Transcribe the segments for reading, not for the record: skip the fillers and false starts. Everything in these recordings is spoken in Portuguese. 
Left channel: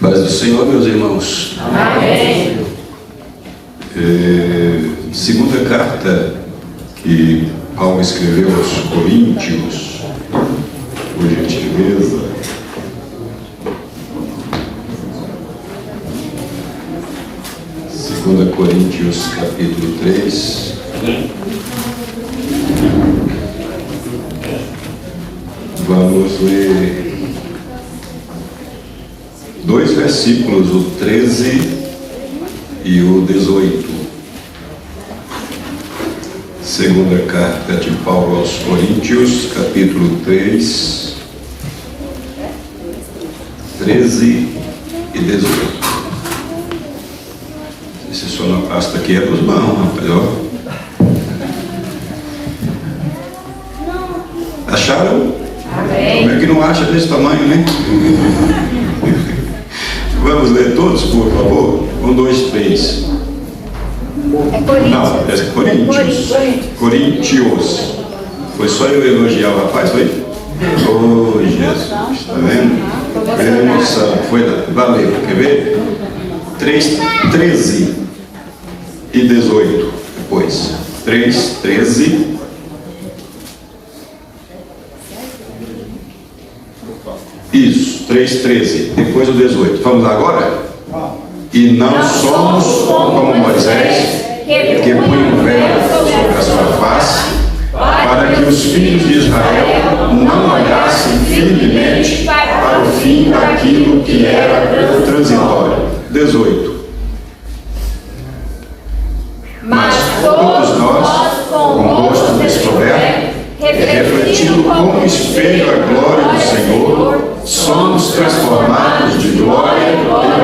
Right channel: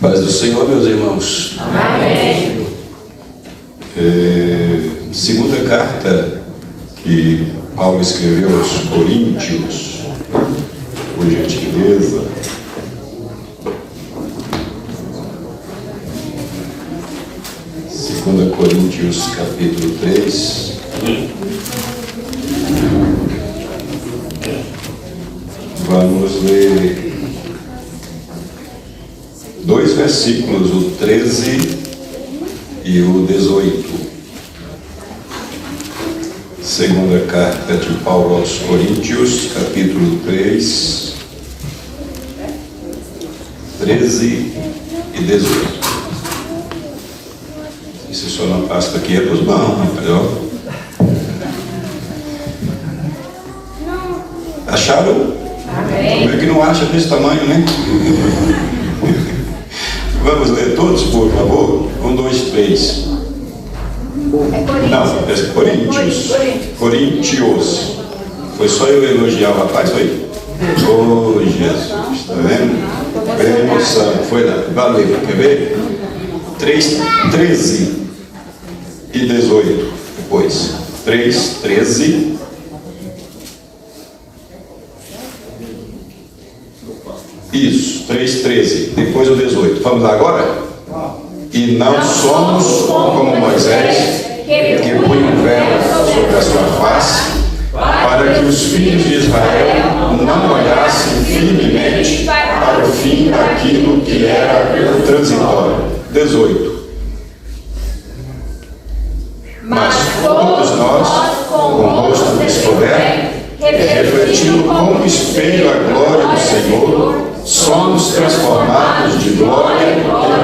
Paz do Senhor, meus irmãos. Amém. Segunda carta que Paulo escreveu aos Coríntios, por gentileza. Segunda Coríntios, capítulo 3. Vamos ler dois versículos, o 13 e o 18. Segunda carta de Paulo aos Coríntios, capítulo 3, 13 e 18. Esse só na pasta aqui é dos mãos, rapaz, ó. Acharam? Como é que não acha desse tamanho, né? Vamos ler todos, por favor? 1, 2, 3. Não, é Coríntios. Coríntios. Foi só eu elogiar o rapaz, foi? Oh, Jesus, está vendo? Foi a emoção, foi lá. Valeu, quer ver? 3, 13 e 18. Depois, 3, 13. Isso, 3, 13. Depois o 18. Vamos lá agora? E não somos como Moisés, que põe um véu sobre a sua face, para que os filhos de Israel não olhassem firmemente para o fim daquilo que era transitório. 18. Mas todos nós, com o rosto descoberto, refletindo como espelho a glória do Senhor, somos transformados de glória em glória,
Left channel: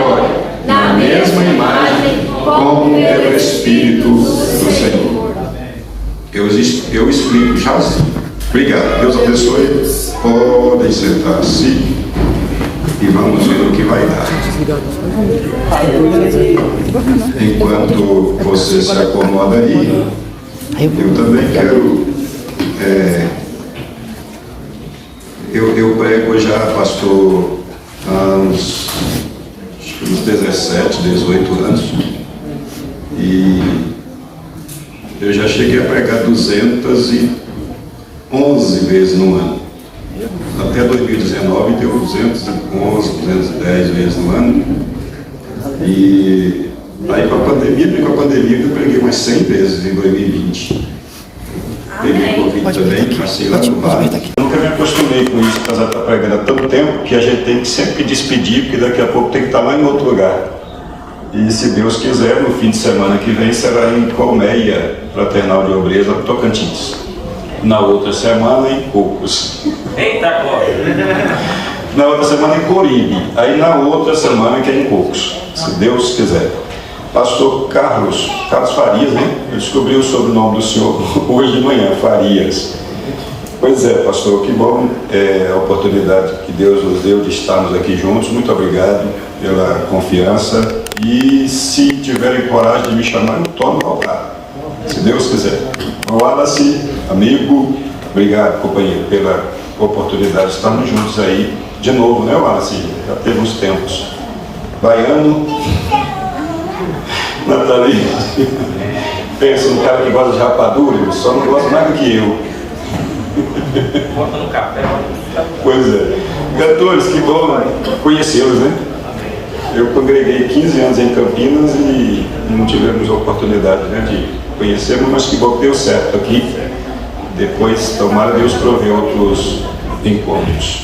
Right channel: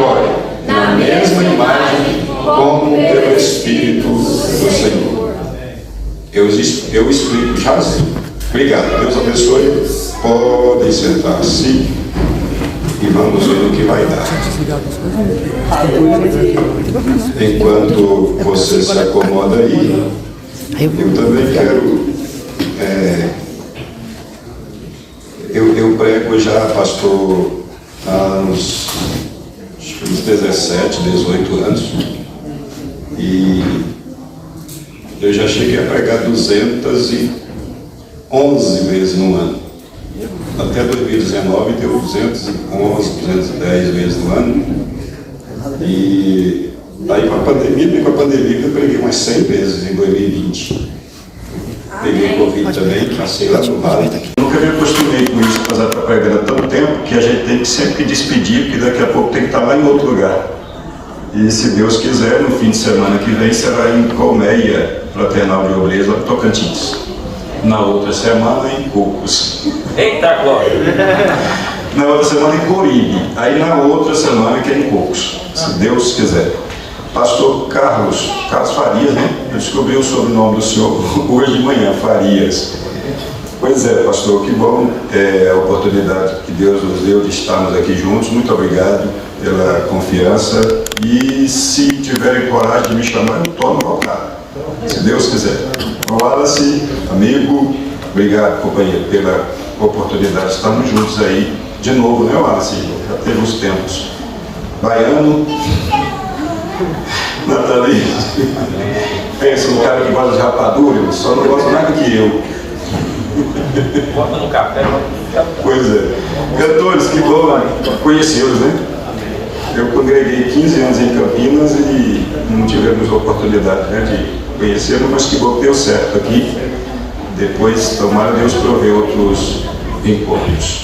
na mesma imagem, como pelo Espírito do Senhor. Eu explico já assim. Obrigado, Deus abençoe. Podem sentar-se e vamos ver o que vai dar. Enquanto você se acomoda aí, eu também quero. Eu prego já, pastor, há uns 17, 18 anos. E eu já cheguei a pregar 211 vezes no ano. Até 2019 deu 211, 210 vezes no ano. E aí com a pandemia eu preguei umas 100 vezes em 2020. Peguei Covid também, passei lá no bar. Nunca me acostumei com isso, para pregar há tanto tempo que a gente tem que sempre despedir, porque daqui a pouco tem que estar lá em outro lugar. E se Deus quiser, no fim de semana que vem será em Colmeia, Fraternal de Obreiros, Tocantins. Na outra semana em Cocos. Eita glória! Na outra semana em Coribe. Aí na outra semana que é em Cocos, se Deus quiser. Pastor Carlos Farias, né? Eu descobri o sobrenome do senhor hoje de manhã, Farias. Pois é, pastor, que bom a oportunidade que Deus nos deu de estarmos aqui juntos. Muito obrigado pela confiança. E se tiverem coragem de me chamar, eu tomo voltar. Se Deus quiser. Wallace, amigo, obrigado, companheiro, pela oportunidade de estarmos juntos aí de novo, né, Wallace? Já teve uns tempos. Baiano, Nathalie, pensa um cara que gosta de rapadura, só não gosta mais do que eu. Bota no café. Pois é. Cantores, que bom conhecê-los, né? Eu congreguei 15 anos em Campinas e não tivemos oportunidade, né, de conhecê-los, mas que bom que deu certo aqui. Depois, tomara Deus prover outros encontros.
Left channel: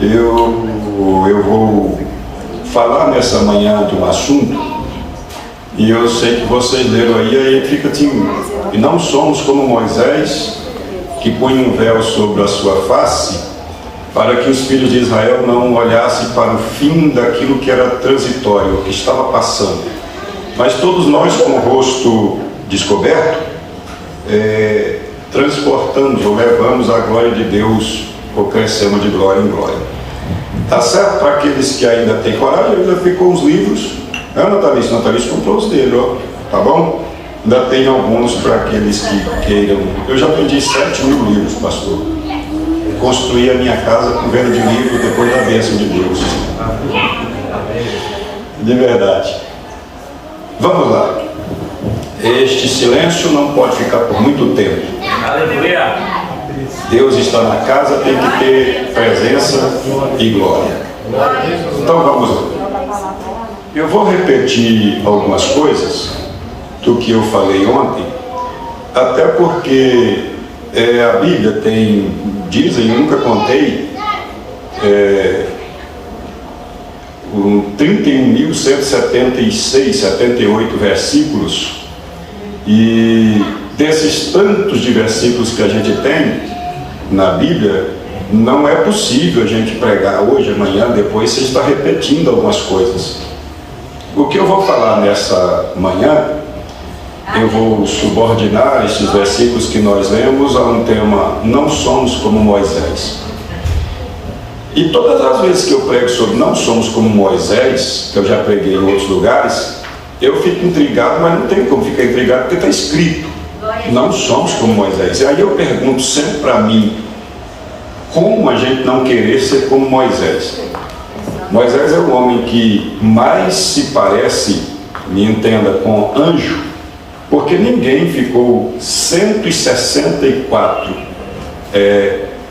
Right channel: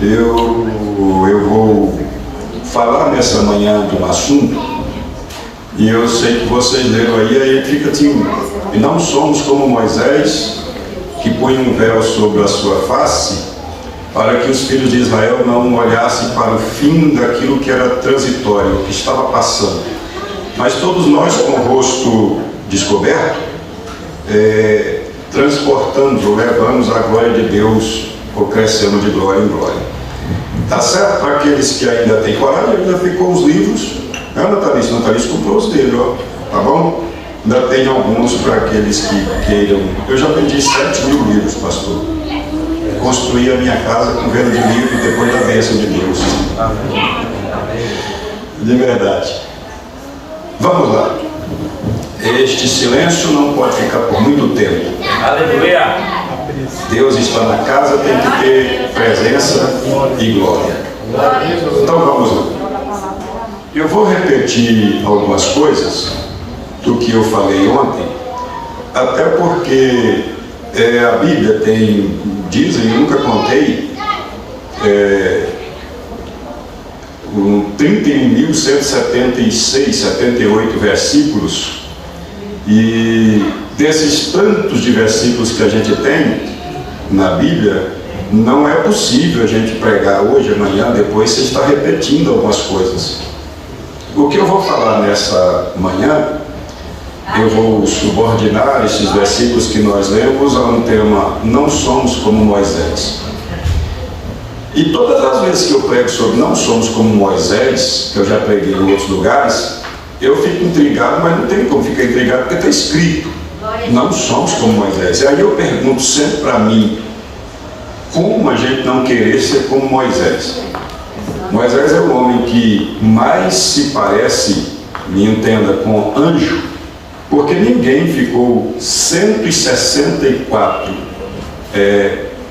Eu vou falar nessa manhã de um assunto, e eu sei que vocês leram aí fica assim: e não somos como Moisés, que põe um véu sobre a sua face, para que os filhos de Israel não olhassem para o fim daquilo que era transitório, que estava passando. Mas todos nós, com o rosto descoberto, transportamos ou levamos a glória de Deus, ou crescemos de glória em glória. Tá certo para aqueles que ainda têm coragem, ainda ficou os livros. Não, Nathalie comprou os dele, ó, tá bom? Ainda tem alguns para aqueles que queiram. Eu já pedi 7.000 livros, pastor. construir a minha casa com venda de livro depois da bênção de Deus. De verdade. Vamos lá. Este silêncio não pode ficar por muito tempo. Aleluia. Deus está na casa, tem que ter presença e glória. Então vamos lá. Eu vou repetir algumas coisas do que eu falei ontem, até porque a Bíblia dizem, eu nunca contei, 31.176, 78 versículos, e desses tantos de versículos que a gente tem na Bíblia, não é possível a gente pregar hoje, amanhã, depois você está repetindo algumas coisas. O que eu vou falar nessa manhã, eu vou subordinar esses versículos que nós lemos a um tema: não somos como Moisés. E todas as vezes que eu prego sobre não somos como Moisés, que eu já preguei em outros lugares, eu fico intrigado, mas não tenho como ficar intrigado, porque está escrito: não somos como Moisés. E aí eu pergunto sempre para mim, como a gente não querer ser como Moisés? Moisés é o homem que mais se parece, me entenda, com anjo, porque ninguém ficou 164,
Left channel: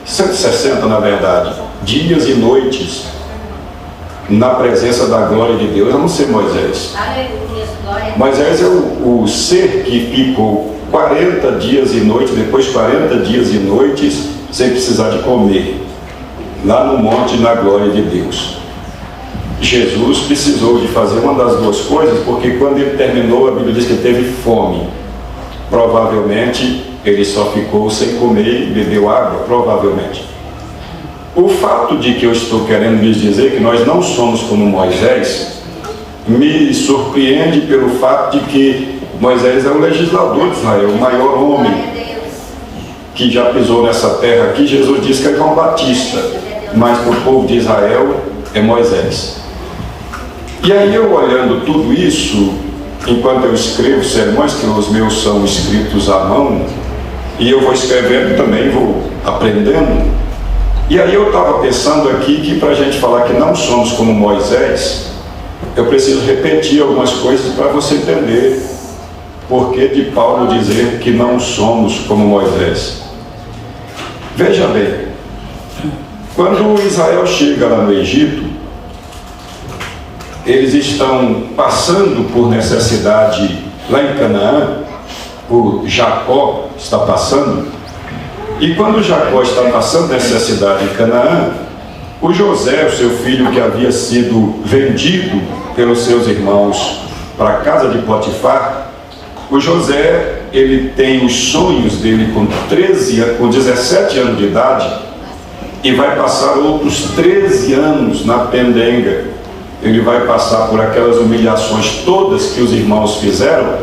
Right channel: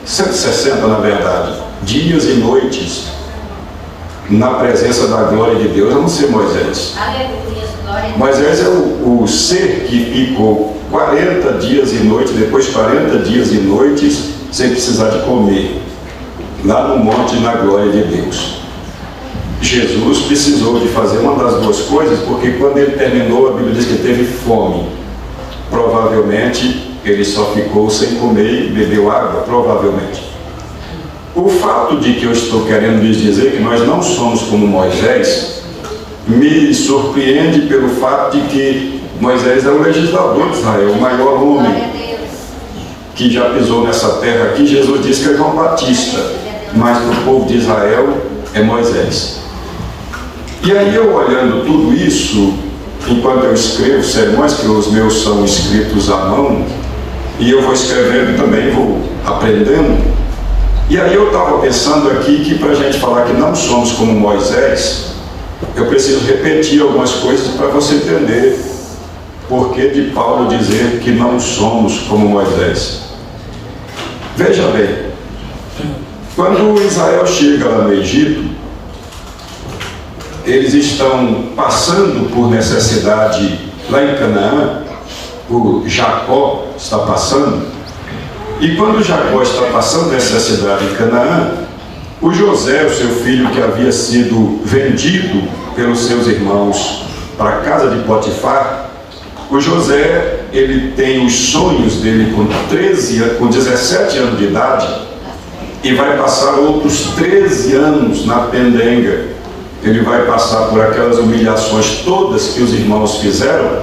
160 na verdade, dias e noites na presença da glória de Deus, a não ser Moisés. Moisés é o ser que ficou 40 dias e noites, depois 40 dias e noites, sem precisar de comer, lá no monte, na glória de Deus. Jesus precisou de fazer uma das duas coisas, porque quando ele terminou, a Bíblia diz que teve fome. Provavelmente ele só ficou sem comer e bebeu água, provavelmente. O fato de que eu estou querendo lhes dizer que nós não somos como Moisés me surpreende pelo fato de que Moisés é o legislador de Israel, o maior homem que já pisou nessa terra aqui. Jesus disse que é João Batista, mas para o povo de Israel é Moisés. E aí eu olhando tudo isso, enquanto eu escrevo sermões, que os meus são escritos à mão, e eu vou escrevendo também, vou aprendendo, e aí eu estava pensando aqui que para a gente falar que não somos como Moisés, eu preciso repetir algumas coisas para você entender por que de Paulo dizer que não somos como Moisés. Veja bem, quando Israel chega lá no Egito, eles estão passando por necessidade lá em Canaã, o Jacó está passando, e quando Jacó está passando necessidade em Canaã, o José, o seu filho que havia sido vendido pelos seus irmãos para a casa de Potifar, o José, ele tem os sonhos dele com 17 anos de idade, e vai passar outros 13 anos na pendenga. Ele vai passar por aquelas humilhações todas que os irmãos fizeram,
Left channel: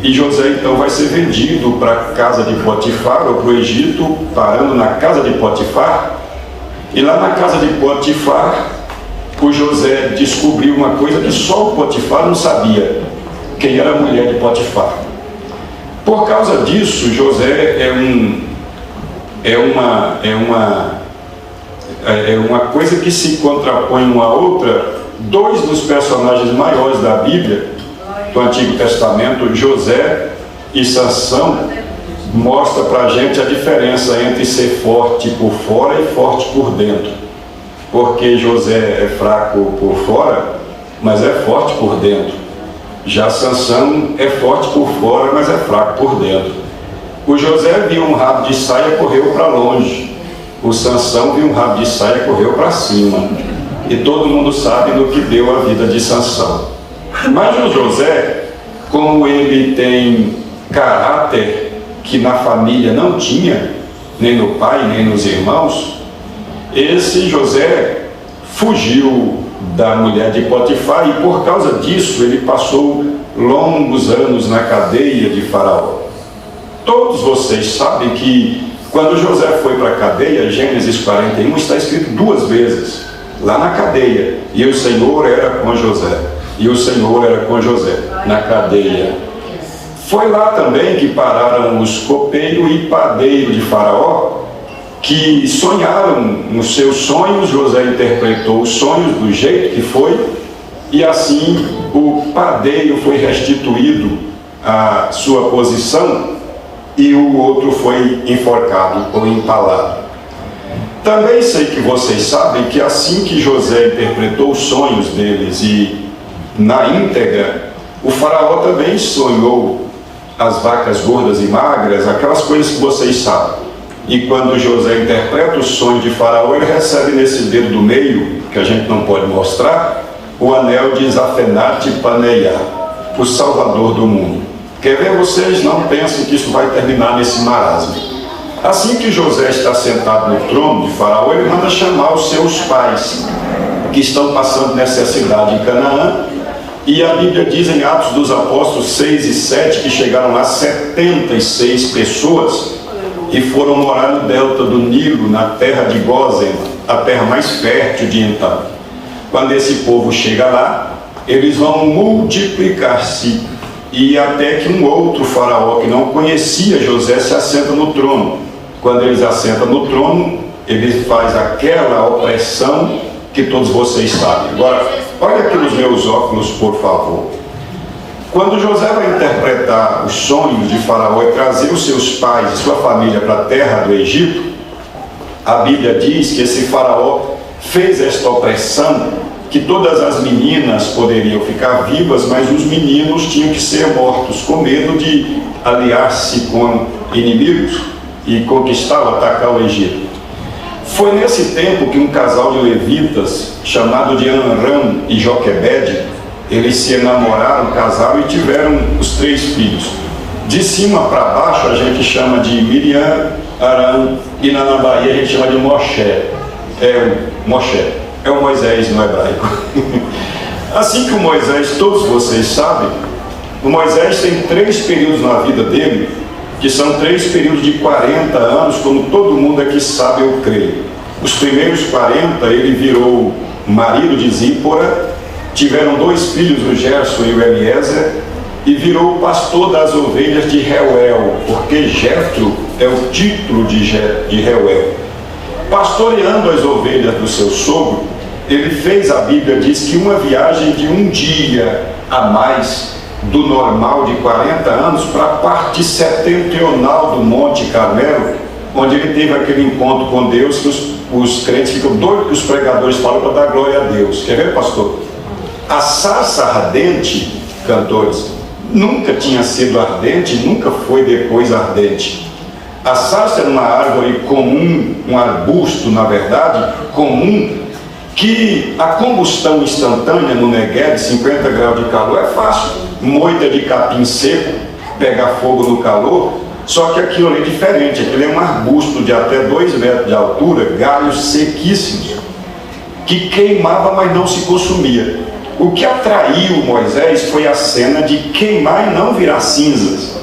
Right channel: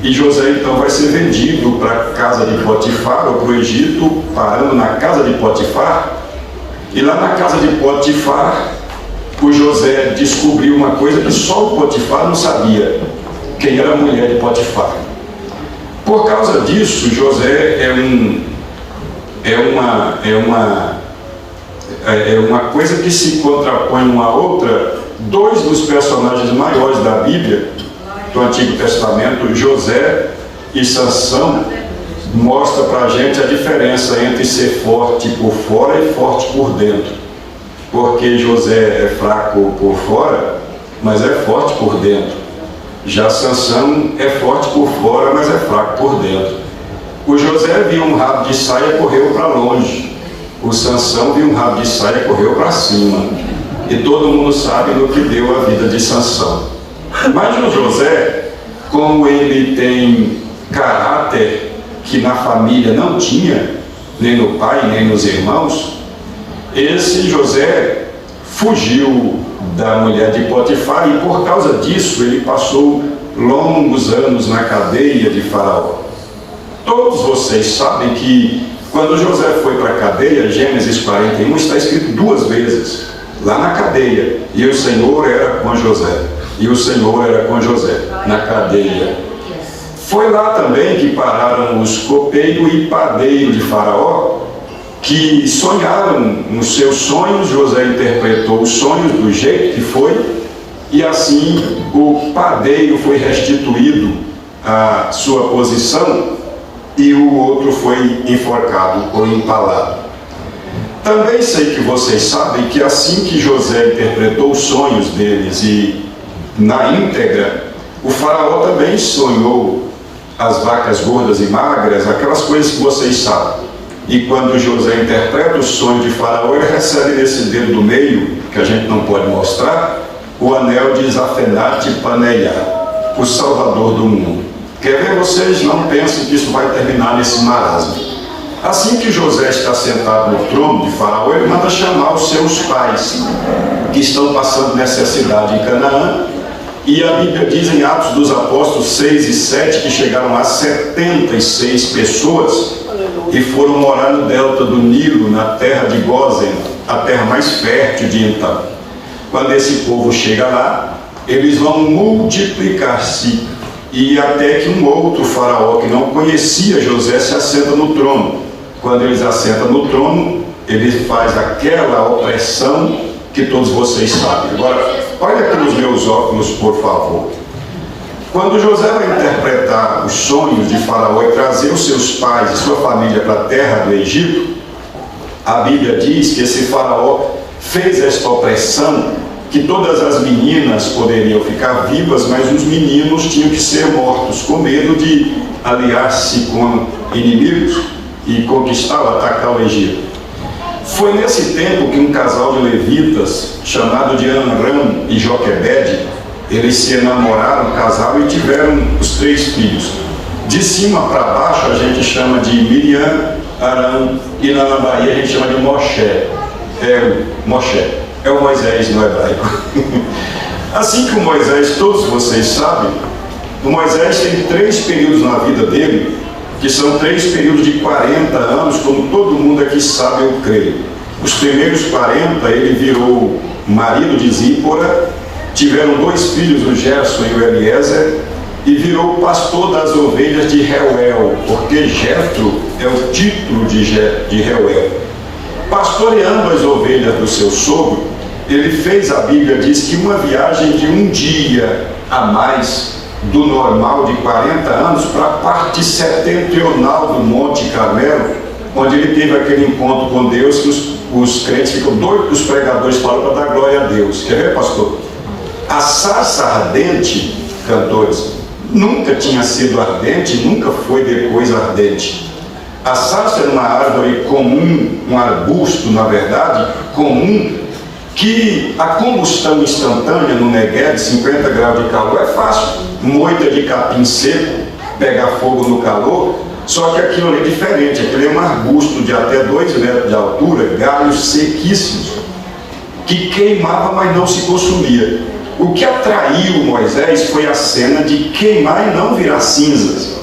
e José então vai ser vendido para a casa de Potifar, ou para o Egito, parando na casa de Potifar. E lá na casa de Potifar, o José descobriu uma coisa que só o Potifar não sabia: quem era a mulher de Potifar. Por causa disso, José é uma coisa que se contrapõe uma à outra. Dois dos personagens maiores da Bíblia, do Antigo Testamento, José e Sansão, mostra para a gente a diferença entre ser forte por fora e forte por dentro. Porque José é fraco por fora, mas é forte por dentro. Já Sansão é forte por fora, mas é fraco por dentro. O José viu um rabo de saia e correu para longe. O Sansão viu um rabo de saia e correu para cima. E todo mundo sabe no que deu a vida de Sansão. Mas o José, como ele tem caráter que na família não tinha, nem no pai, nem nos irmãos, esse José fugiu da mulher de Potifar, e por causa disso ele passou longos anos na cadeia de Faraó. Todos vocês sabem que quando José foi para a cadeia, Gênesis 41 está escrito 2 vezes, lá na cadeia: e o Senhor era com José, e o Senhor era com José, na cadeia. Foi lá também que pararam os copeiros e padeiros de Faraó, que sonharam nos seus sonhos. José interpretou os sonhos do jeito que foi, e assim o padeiro foi restituído à sua posição e o outro foi enforcado ou empalado. Também sei que vocês sabem que assim que José interpretou os sonhos deles e na íntegra, o faraó também sonhou as vacas gordas e magras, aquelas coisas que vocês sabem. E quando José interpreta o sonho de faraó, ele recebe nesse dedo do meio, que a gente não pode mostrar, o anel de Zafenate Paneia, o salvador do mundo. Quer ver? Vocês não pensem que isso vai terminar nesse marasmo. Assim que José está sentado no trono de faraó, ele manda chamar os seus pais, que estão passando necessidade em Canaã. E a Bíblia diz em Atos dos Apóstolos 6 e 7 que chegaram lá 76 pessoas e foram morar no delta do Nilo, na terra de Gósen, a terra mais fértil de então. Quando esse povo chega lá, eles vão multiplicar-se, e até que um outro faraó que não conhecia José se assenta no trono. Quando eles assentam no trono, ele faz aquela opressão que todos vocês sabem. Agora, olha aqui nos meus óculos, por favor. Quando José vai interpretar os sonhos de faraó e trazer os seus pais e sua família para a terra do Egito, a Bíblia diz que esse faraó fez esta opressão, que todas as meninas poderiam ficar vivas, mas os meninos tinham que ser mortos, com medo de aliar-se com inimigos e conquistar ou atacar o Egito. Foi nesse tempo que um casal de levitas, chamado de Amram e Joquebede, eles se enamoraram, casaram e tiveram os 3 filhos. De cima para baixo a gente chama de Miriam, Arão, e lá na Bahia a gente chama de Moshe. É o Moisés no hebraico. Assim que o Moisés, todos vocês sabem, o Moisés tem 3 períodos na vida dele, que são 3 períodos de 40 anos, como todo mundo aqui sabe, eu creio. Os primeiros 40 ele virou marido de Zípora, tiveram 2 filhos, o Gerson e o Eliezer, e virou pastor das ovelhas de Reuel, porque Jetro é o título de Reuel. Pastoreando as ovelhas do seu sogro, ele fez, a Bíblia diz que uma viagem de um dia a mais do normal de 40 anos para a parte setentrional do Monte Carmelo, onde ele teve aquele encontro com Deus que os crentes ficam doidos que os pregadores falam para dar glória a Deus. Quer ver, pastor? A sarça ardente, cantores, nunca tinha sido ardente, nunca foi depois ardente. A sarça é uma árvore comum, um arbusto, na verdade, comum, que a combustão instantânea no Negueb, 50 graus de calor, é fácil. Moita de capim seco, pegar fogo no calor, só que aquilo ali é diferente. Aquilo é um arbusto de até 2 metros de altura, galhos sequíssimos, que queimava, mas não se consumia. O que atraiu Moisés foi a cena de queimar e não virar cinzas.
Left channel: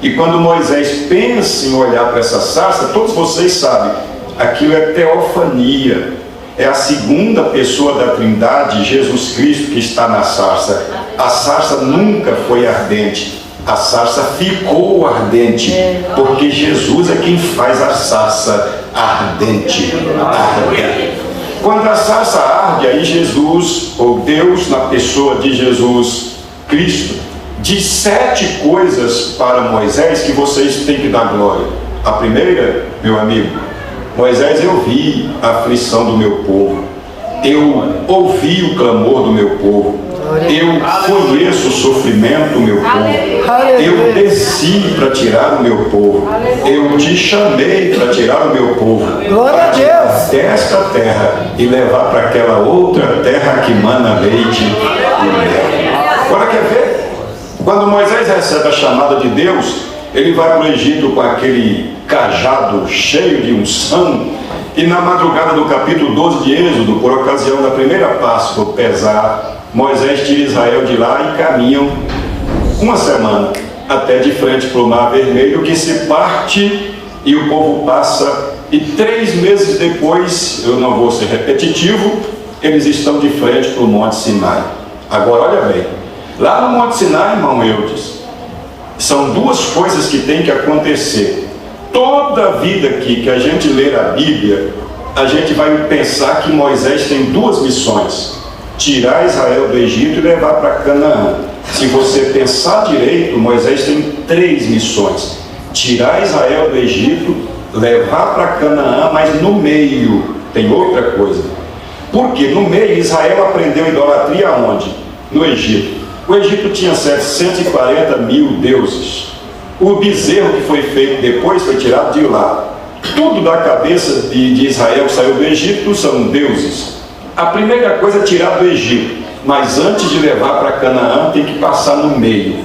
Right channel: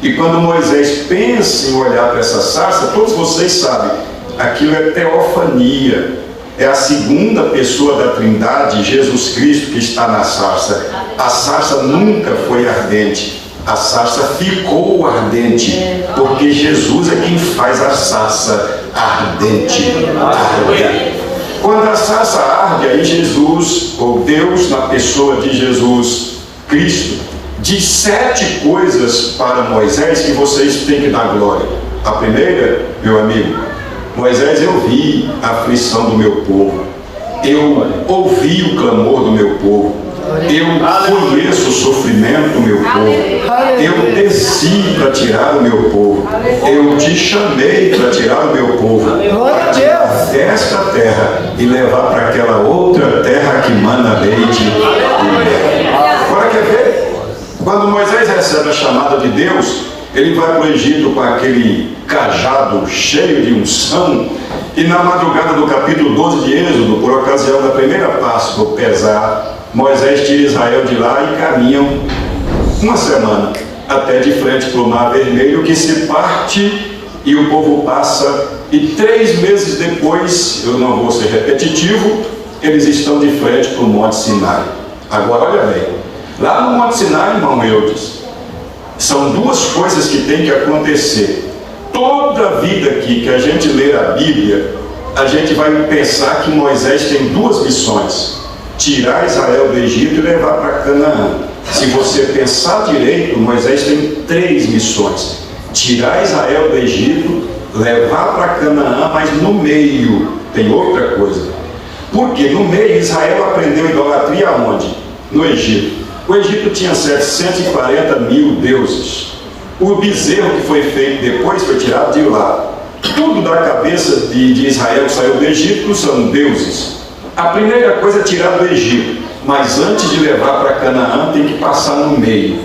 E quando Moisés pensa em olhar para essa sarça, todos vocês sabem, aquilo é teofania, é a segunda pessoa da Trindade, Jesus Cristo, que está na sarça. A sarça nunca foi ardente, a sarça ficou ardente, porque Jesus é quem faz a sarça ardente. Quando a sarça arde, aí Jesus, ou Deus, na pessoa de Jesus Cristo, diz 7 coisas para Moisés que vocês têm que dar glória. A primeira, meu amigo, Moisés, eu vi a aflição do meu povo, eu ouvi o clamor do meu povo, eu conheço o sofrimento do meu povo, eu desci para tirar o meu povo, eu te chamei para tirar o meu povo, para tirar desta terra e levar para aquela outra terra que mana leite e mel. Agora quer ver? Quando Moisés recebe a chamada de Deus, ele vai para o Egito com aquele cajado cheio de unção, e na madrugada do capítulo 12 de Êxodo, por ocasião da primeira Páscoa, o Pesar, Moisés tira Israel de lá e caminham uma semana até de frente para o Mar Vermelho, que se parte e o povo passa, e 3 meses depois, eu não vou ser repetitivo, eles estão de frente para o Monte Sinai. Agora olha bem, lá no Monte Sinai, irmão Eudes, são 2 coisas que tem que acontecer. Toda a vida aqui que a gente ler a Bíblia, a gente vai pensar que Moisés tem duas missões: tirar Israel do Egito e levar para Canaã. Se você pensar direito, Moisés tem três missões: tirar Israel do Egito, levar para Canaã, mas no meio tem outra coisa. Porque no meio Israel aprendeu idolatria aonde? No Egito. O Egito tinha 740 mil deuses. O bezerro que foi feito depois foi tirado de lá. Tudo da cabeça de Israel que saiu do Egito são deuses. A primeira coisa é tirar do Egito, mas antes de levar para Canaã tem que passar no meio.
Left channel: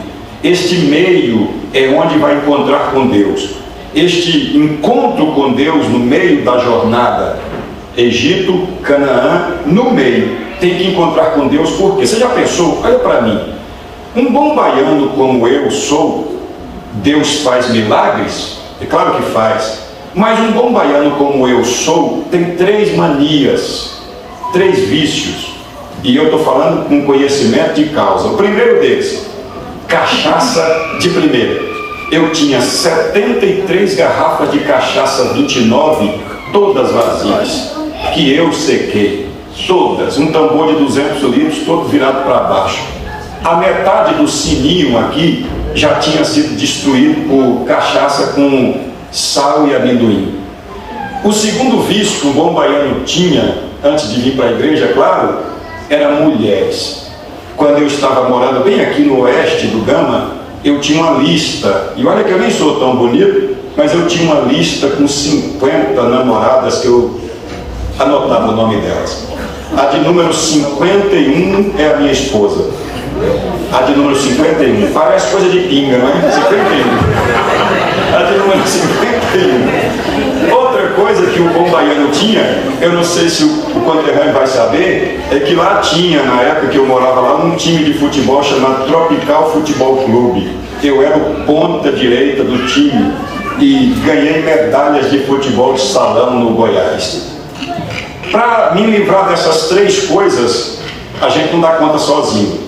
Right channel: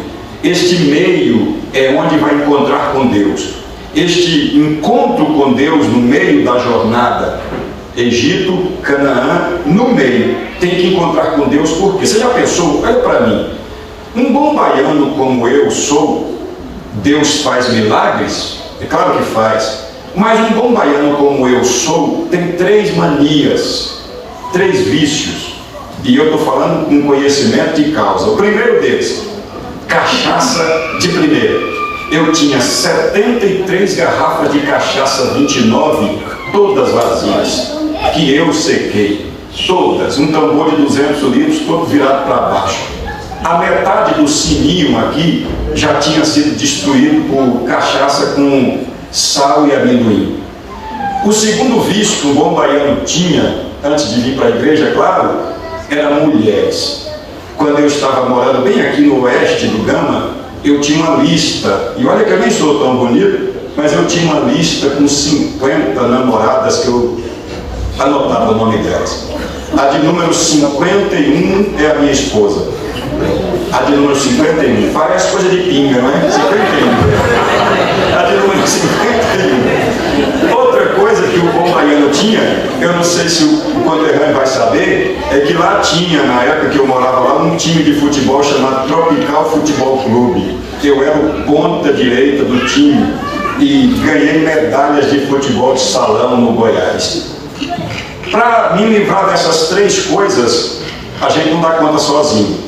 Este meio é onde vai encontrar com Deus. Este encontro com Deus no meio da jornada, Egito, Canaã, no meio, tem que encontrar com Deus. Porque você já pensou? Olha para mim, um bom baiano como eu sou, Deus faz milagres? É claro que faz. Mas um bom baiano como eu sou tem três manias, três vícios. E eu estou falando com conhecimento de causa. O primeiro deles, cachaça de primeira. Eu tinha 73 garrafas de cachaça 29, todas vazias, que eu sequei. Todas. Um tambor de 200 litros, todo virado para baixo. A metade do sininho aqui já tinha sido destruído por cachaça com sal e amendoim. O segundo vício que um bom baiano tinha, antes de vir para a igreja, claro, era mulheres. Quando eu estava morando bem aqui no oeste do Gama, eu tinha uma lista, e olha que eu nem sou tão bonito, mas eu tinha uma lista com 50 namoradas que eu anotava o nome delas. A de número 51 é a minha esposa. A de número 51, parece coisa de pinga, não é? 51. A de número 51. Outra coisa que o bom baiano tinha, eu não sei se o conterrâneo vai saber, é que lá tinha, na época que eu morava lá, um time de futebol chamado Tropical Futebol Clube. Eu era o ponta direita do time e ganhei medalhas de futebol de salão no Goiás. Para me livrar dessas três coisas, a gente não dá conta sozinho.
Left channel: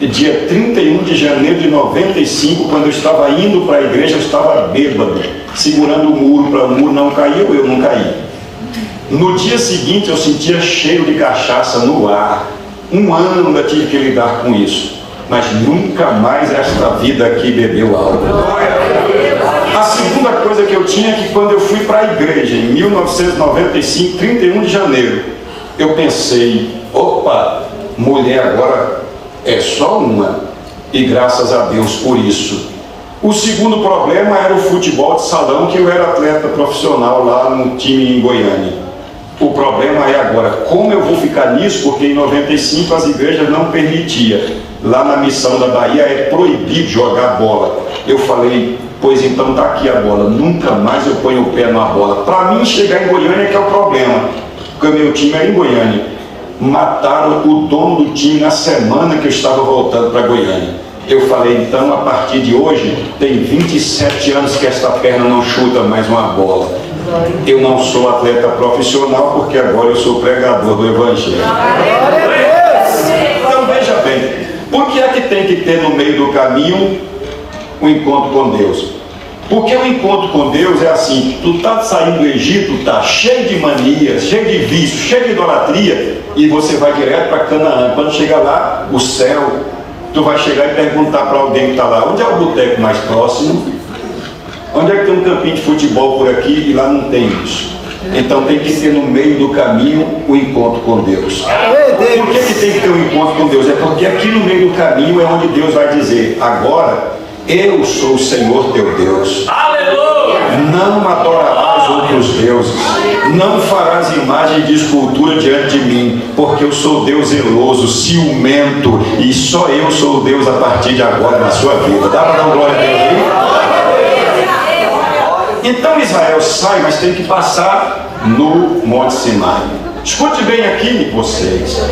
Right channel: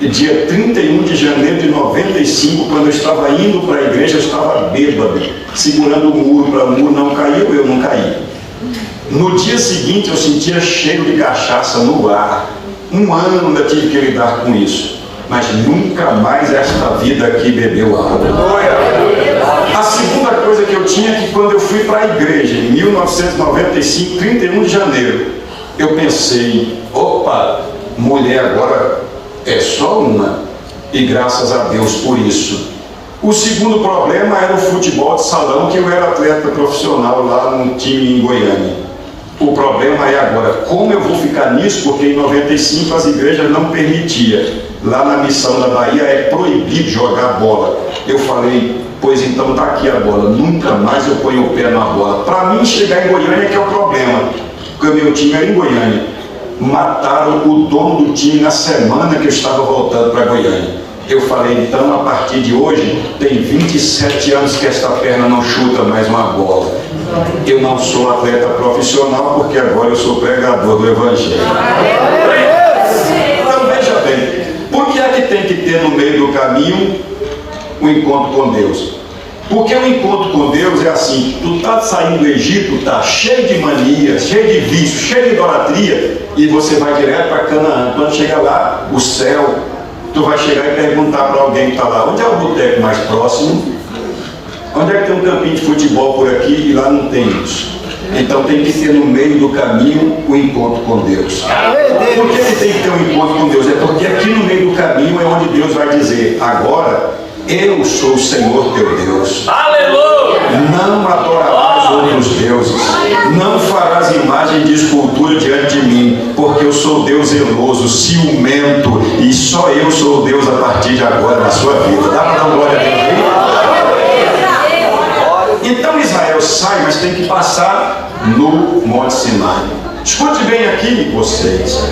Dia 31 de janeiro de 95, quando eu estava indo para a igreja, eu estava bêbado, segurando o muro para o muro não cair, eu não caí. No dia seguinte eu sentia cheiro de cachaça no ar. Um ano ainda tive que lidar com isso, mas nunca mais esta vida aqui bebeu álcool. A segunda coisa que eu tinha é que quando eu fui para a igreja em 1995, 31 de janeiro, eu pensei: opa, mulher agora é só uma, e graças a Deus por isso. O segundo problema era o futebol de salão, que eu era atleta profissional lá no time em Goiânia. O problema é agora, como eu vou ficar nisso? Porque em 95 as igrejas não permitiam. Lá na missão da Bahia é proibido jogar bola. Eu falei: pois então tá aqui a bola, nunca mais eu ponho o pé na bola. Para mim chegar em Goiânia que é o problema, porque o meu time é em Goiânia. Mataram o dono do time na semana que eu estava voltando para Goiânia. Eu falei: então a partir de hoje tem 27 anos que esta perna não chuta mais uma bola. Eu não sou atleta profissional, porque agora eu sou pregador do Evangelho. Então veja bem, por que é que tem que ter no meio do caminho o encontro com Deus? Porque o encontro com Deus é assim: tu está saindo do Egito, está cheio de manias, cheio de vício, cheio de idolatria, e você vai direto para Canaã. Quando chegar lá, o céu, tu vai chegar e perguntar para alguém que está lá: onde é o boteco mais próximo? Onde é que tem um campinho de futebol por aqui? E lá não tem isso. Então tem que ter no meio do caminho o encontro com Deus. Por que tem que ter um encontro com Deus? É porque aqui no meio do caminho é onde Deus vai dizer: agora eu sou o Senhor teu Deus. Aleluia! Não adorarás outros deuses, não farás imagem de escultura diante de mim, porque eu sou Deus zeloso, ciumento, e só eu sou Deus a partir de agora na sua vida. Dá para dar glória a Deus aí? Então Israel sai, mas tem que passar no Monte Sinai. Escute bem aqui, vocês.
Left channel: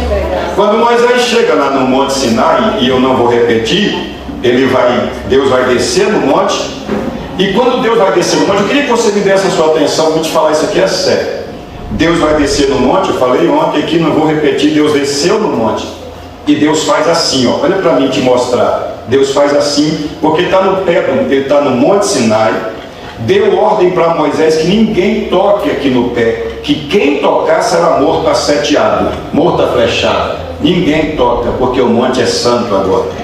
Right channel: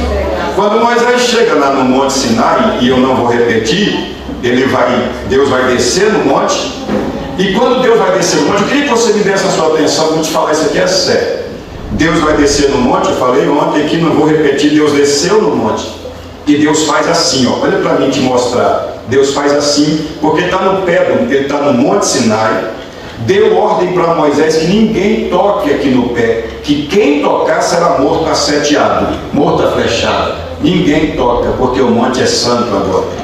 Quando Moisés chega lá no Monte Sinai, e eu não vou repetir, Deus vai descer no monte. E quando Deus vai descer no monte, eu queria que você me desse a sua atenção para te falar, isso aqui é sério. Deus vai descer no monte, eu falei ontem aqui, não vou repetir. Deus desceu no monte, e Deus faz assim, ó, olha para mim te mostrar. Deus faz assim, porque ele está no pé, ele está no Monte Sinai, deu ordem para Moisés que ninguém toque aqui no pé, que quem tocar será morto asseteado, morto a flechada. Ninguém toca, porque o monte é santo agora.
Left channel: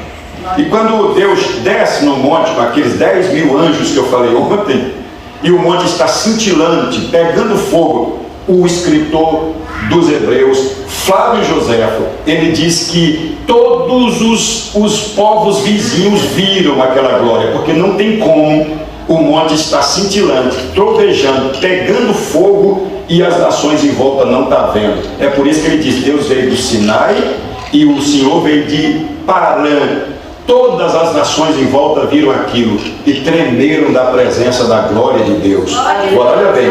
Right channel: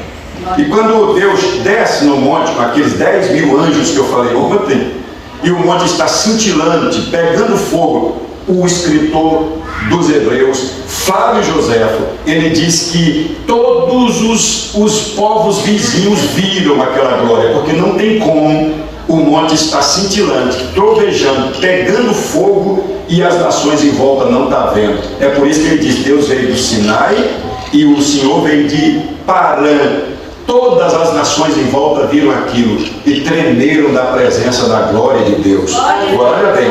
E quando Deus desce no monte com aqueles 10.000 anjos que eu falei ontem, e o monte está cintilante, pegando fogo, o escritor dos Hebreus, Flávio Joséfo, ele diz que todos os povos vizinhos viram aquela glória, porque não tem como o monte estar cintilante, trovejando, pegando fogo, e as nações em volta não estão vendo. É por isso que ele diz: Deus veio do Sinai e o Senhor veio de Parã. Todas as nações em volta viram aquilo e tremeram da presença da glória de Deus. Agora, olha bem,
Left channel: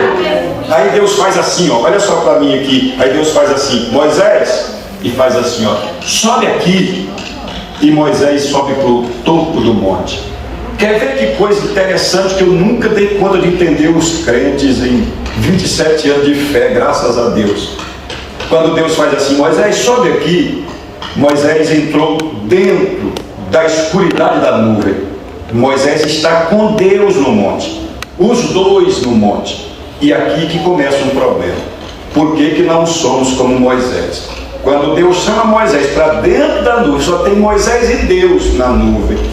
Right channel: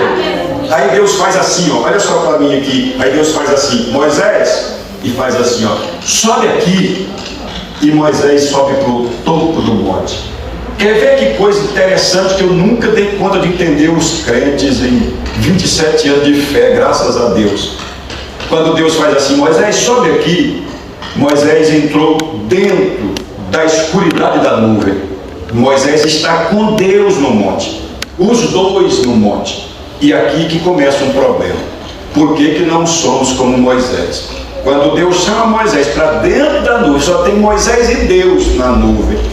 aí Deus faz assim, ó, olha só para mim aqui. Aí Deus faz assim: Moisés, e faz assim, ó, sobe aqui. E Moisés sobe para o topo do monte. Quer ver que coisa interessante que eu nunca dei conta de entender os crentes em 27 anos de fé, graças a Deus. Quando Deus faz assim: Moisés, sobe aqui. Moisés entrou dentro da escuridade da nuvem. Moisés está com Deus no monte, os dois no monte. E aqui que começa um problema. Por que não somos como Moisés? Quando Deus chama Moisés para dentro da nuvem, só tem Moisés e Deus na nuvem.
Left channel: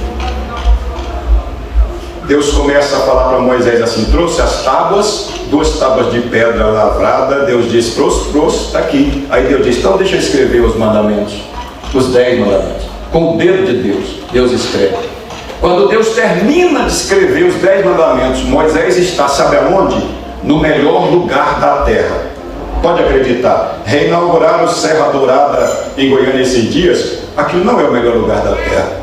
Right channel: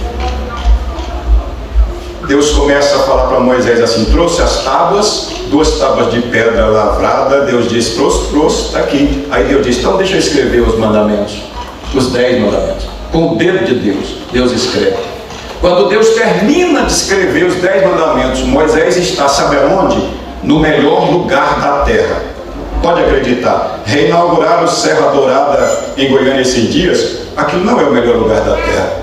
Deus começa a falar para Moisés assim: trouxe as tábuas, 2 tábuas de pedra lavrada. Deus diz: trouxe, está aqui. Aí Deus diz: então deixa eu escrever os mandamentos, os 10 mandamentos. Com o dedo de Deus, Deus escreve. Quando Deus termina de escrever os 10 mandamentos, Moisés está, sabe aonde? No melhor lugar da terra. Pode acreditar, reinauguraram Serra Dourada em Goiânia esses dias. Aquilo não é o melhor lugar da terra.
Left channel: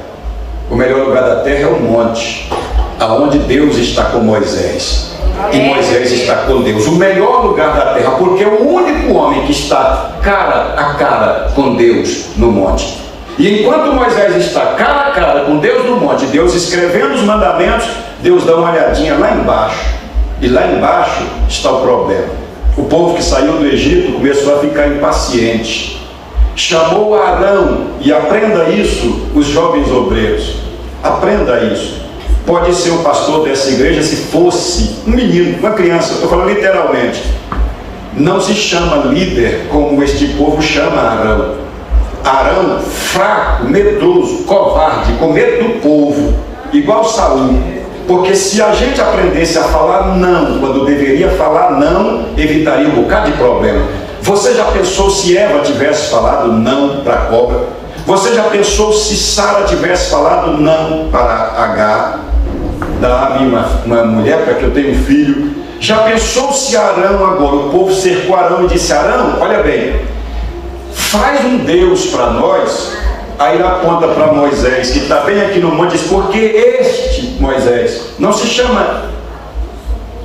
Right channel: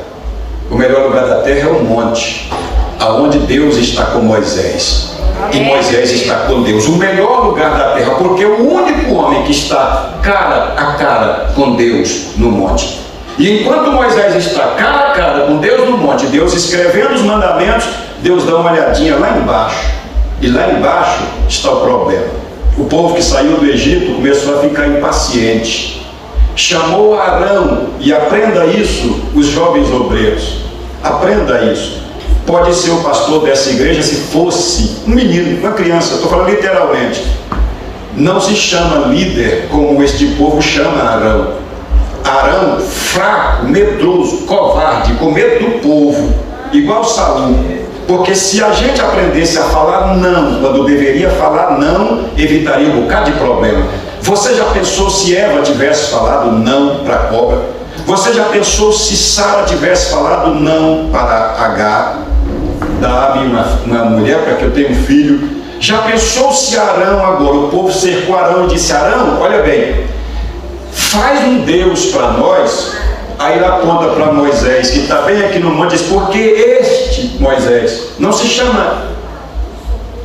O melhor lugar da terra é o monte, aonde Deus está com Moisés. E Moisés está com Deus. O melhor lugar da terra, porque é o único homem que está cara a cara com Deus no monte. E enquanto Moisés está cara a cara com Deus no monte, Deus escrevendo os mandamentos, Deus dá uma olhadinha lá embaixo. E lá embaixo está o problema. O povo que saiu do Egito começou a ficar impaciente. Chamou Arão, e aprenda isso, os jovens obreiros. Aprenda isso. Pode ser o pastor dessa igreja se fosse um menino, uma criança, estou falando literalmente. Não se chama líder como este povo chama Arão. Arão, fraco, medroso, covarde, com medo do povo, igual Saul. Porque se a gente aprendesse a falar não, quando deveria falar não, evitaria um bocado de problema. Você já pensou se Eva tivesse falado não para a cobra? Você já pensou se Sara tivesse falado não para Agar? Dá-me uma mulher para que eu tenha um filho. Já pensou se Arão agora, o povo cercou Arão e disse: Arão, olha bem, faz um Deus para nós. Aí ele aponta para Moisés, que está bem aqui no monte, diz: porque este Moisés não se chama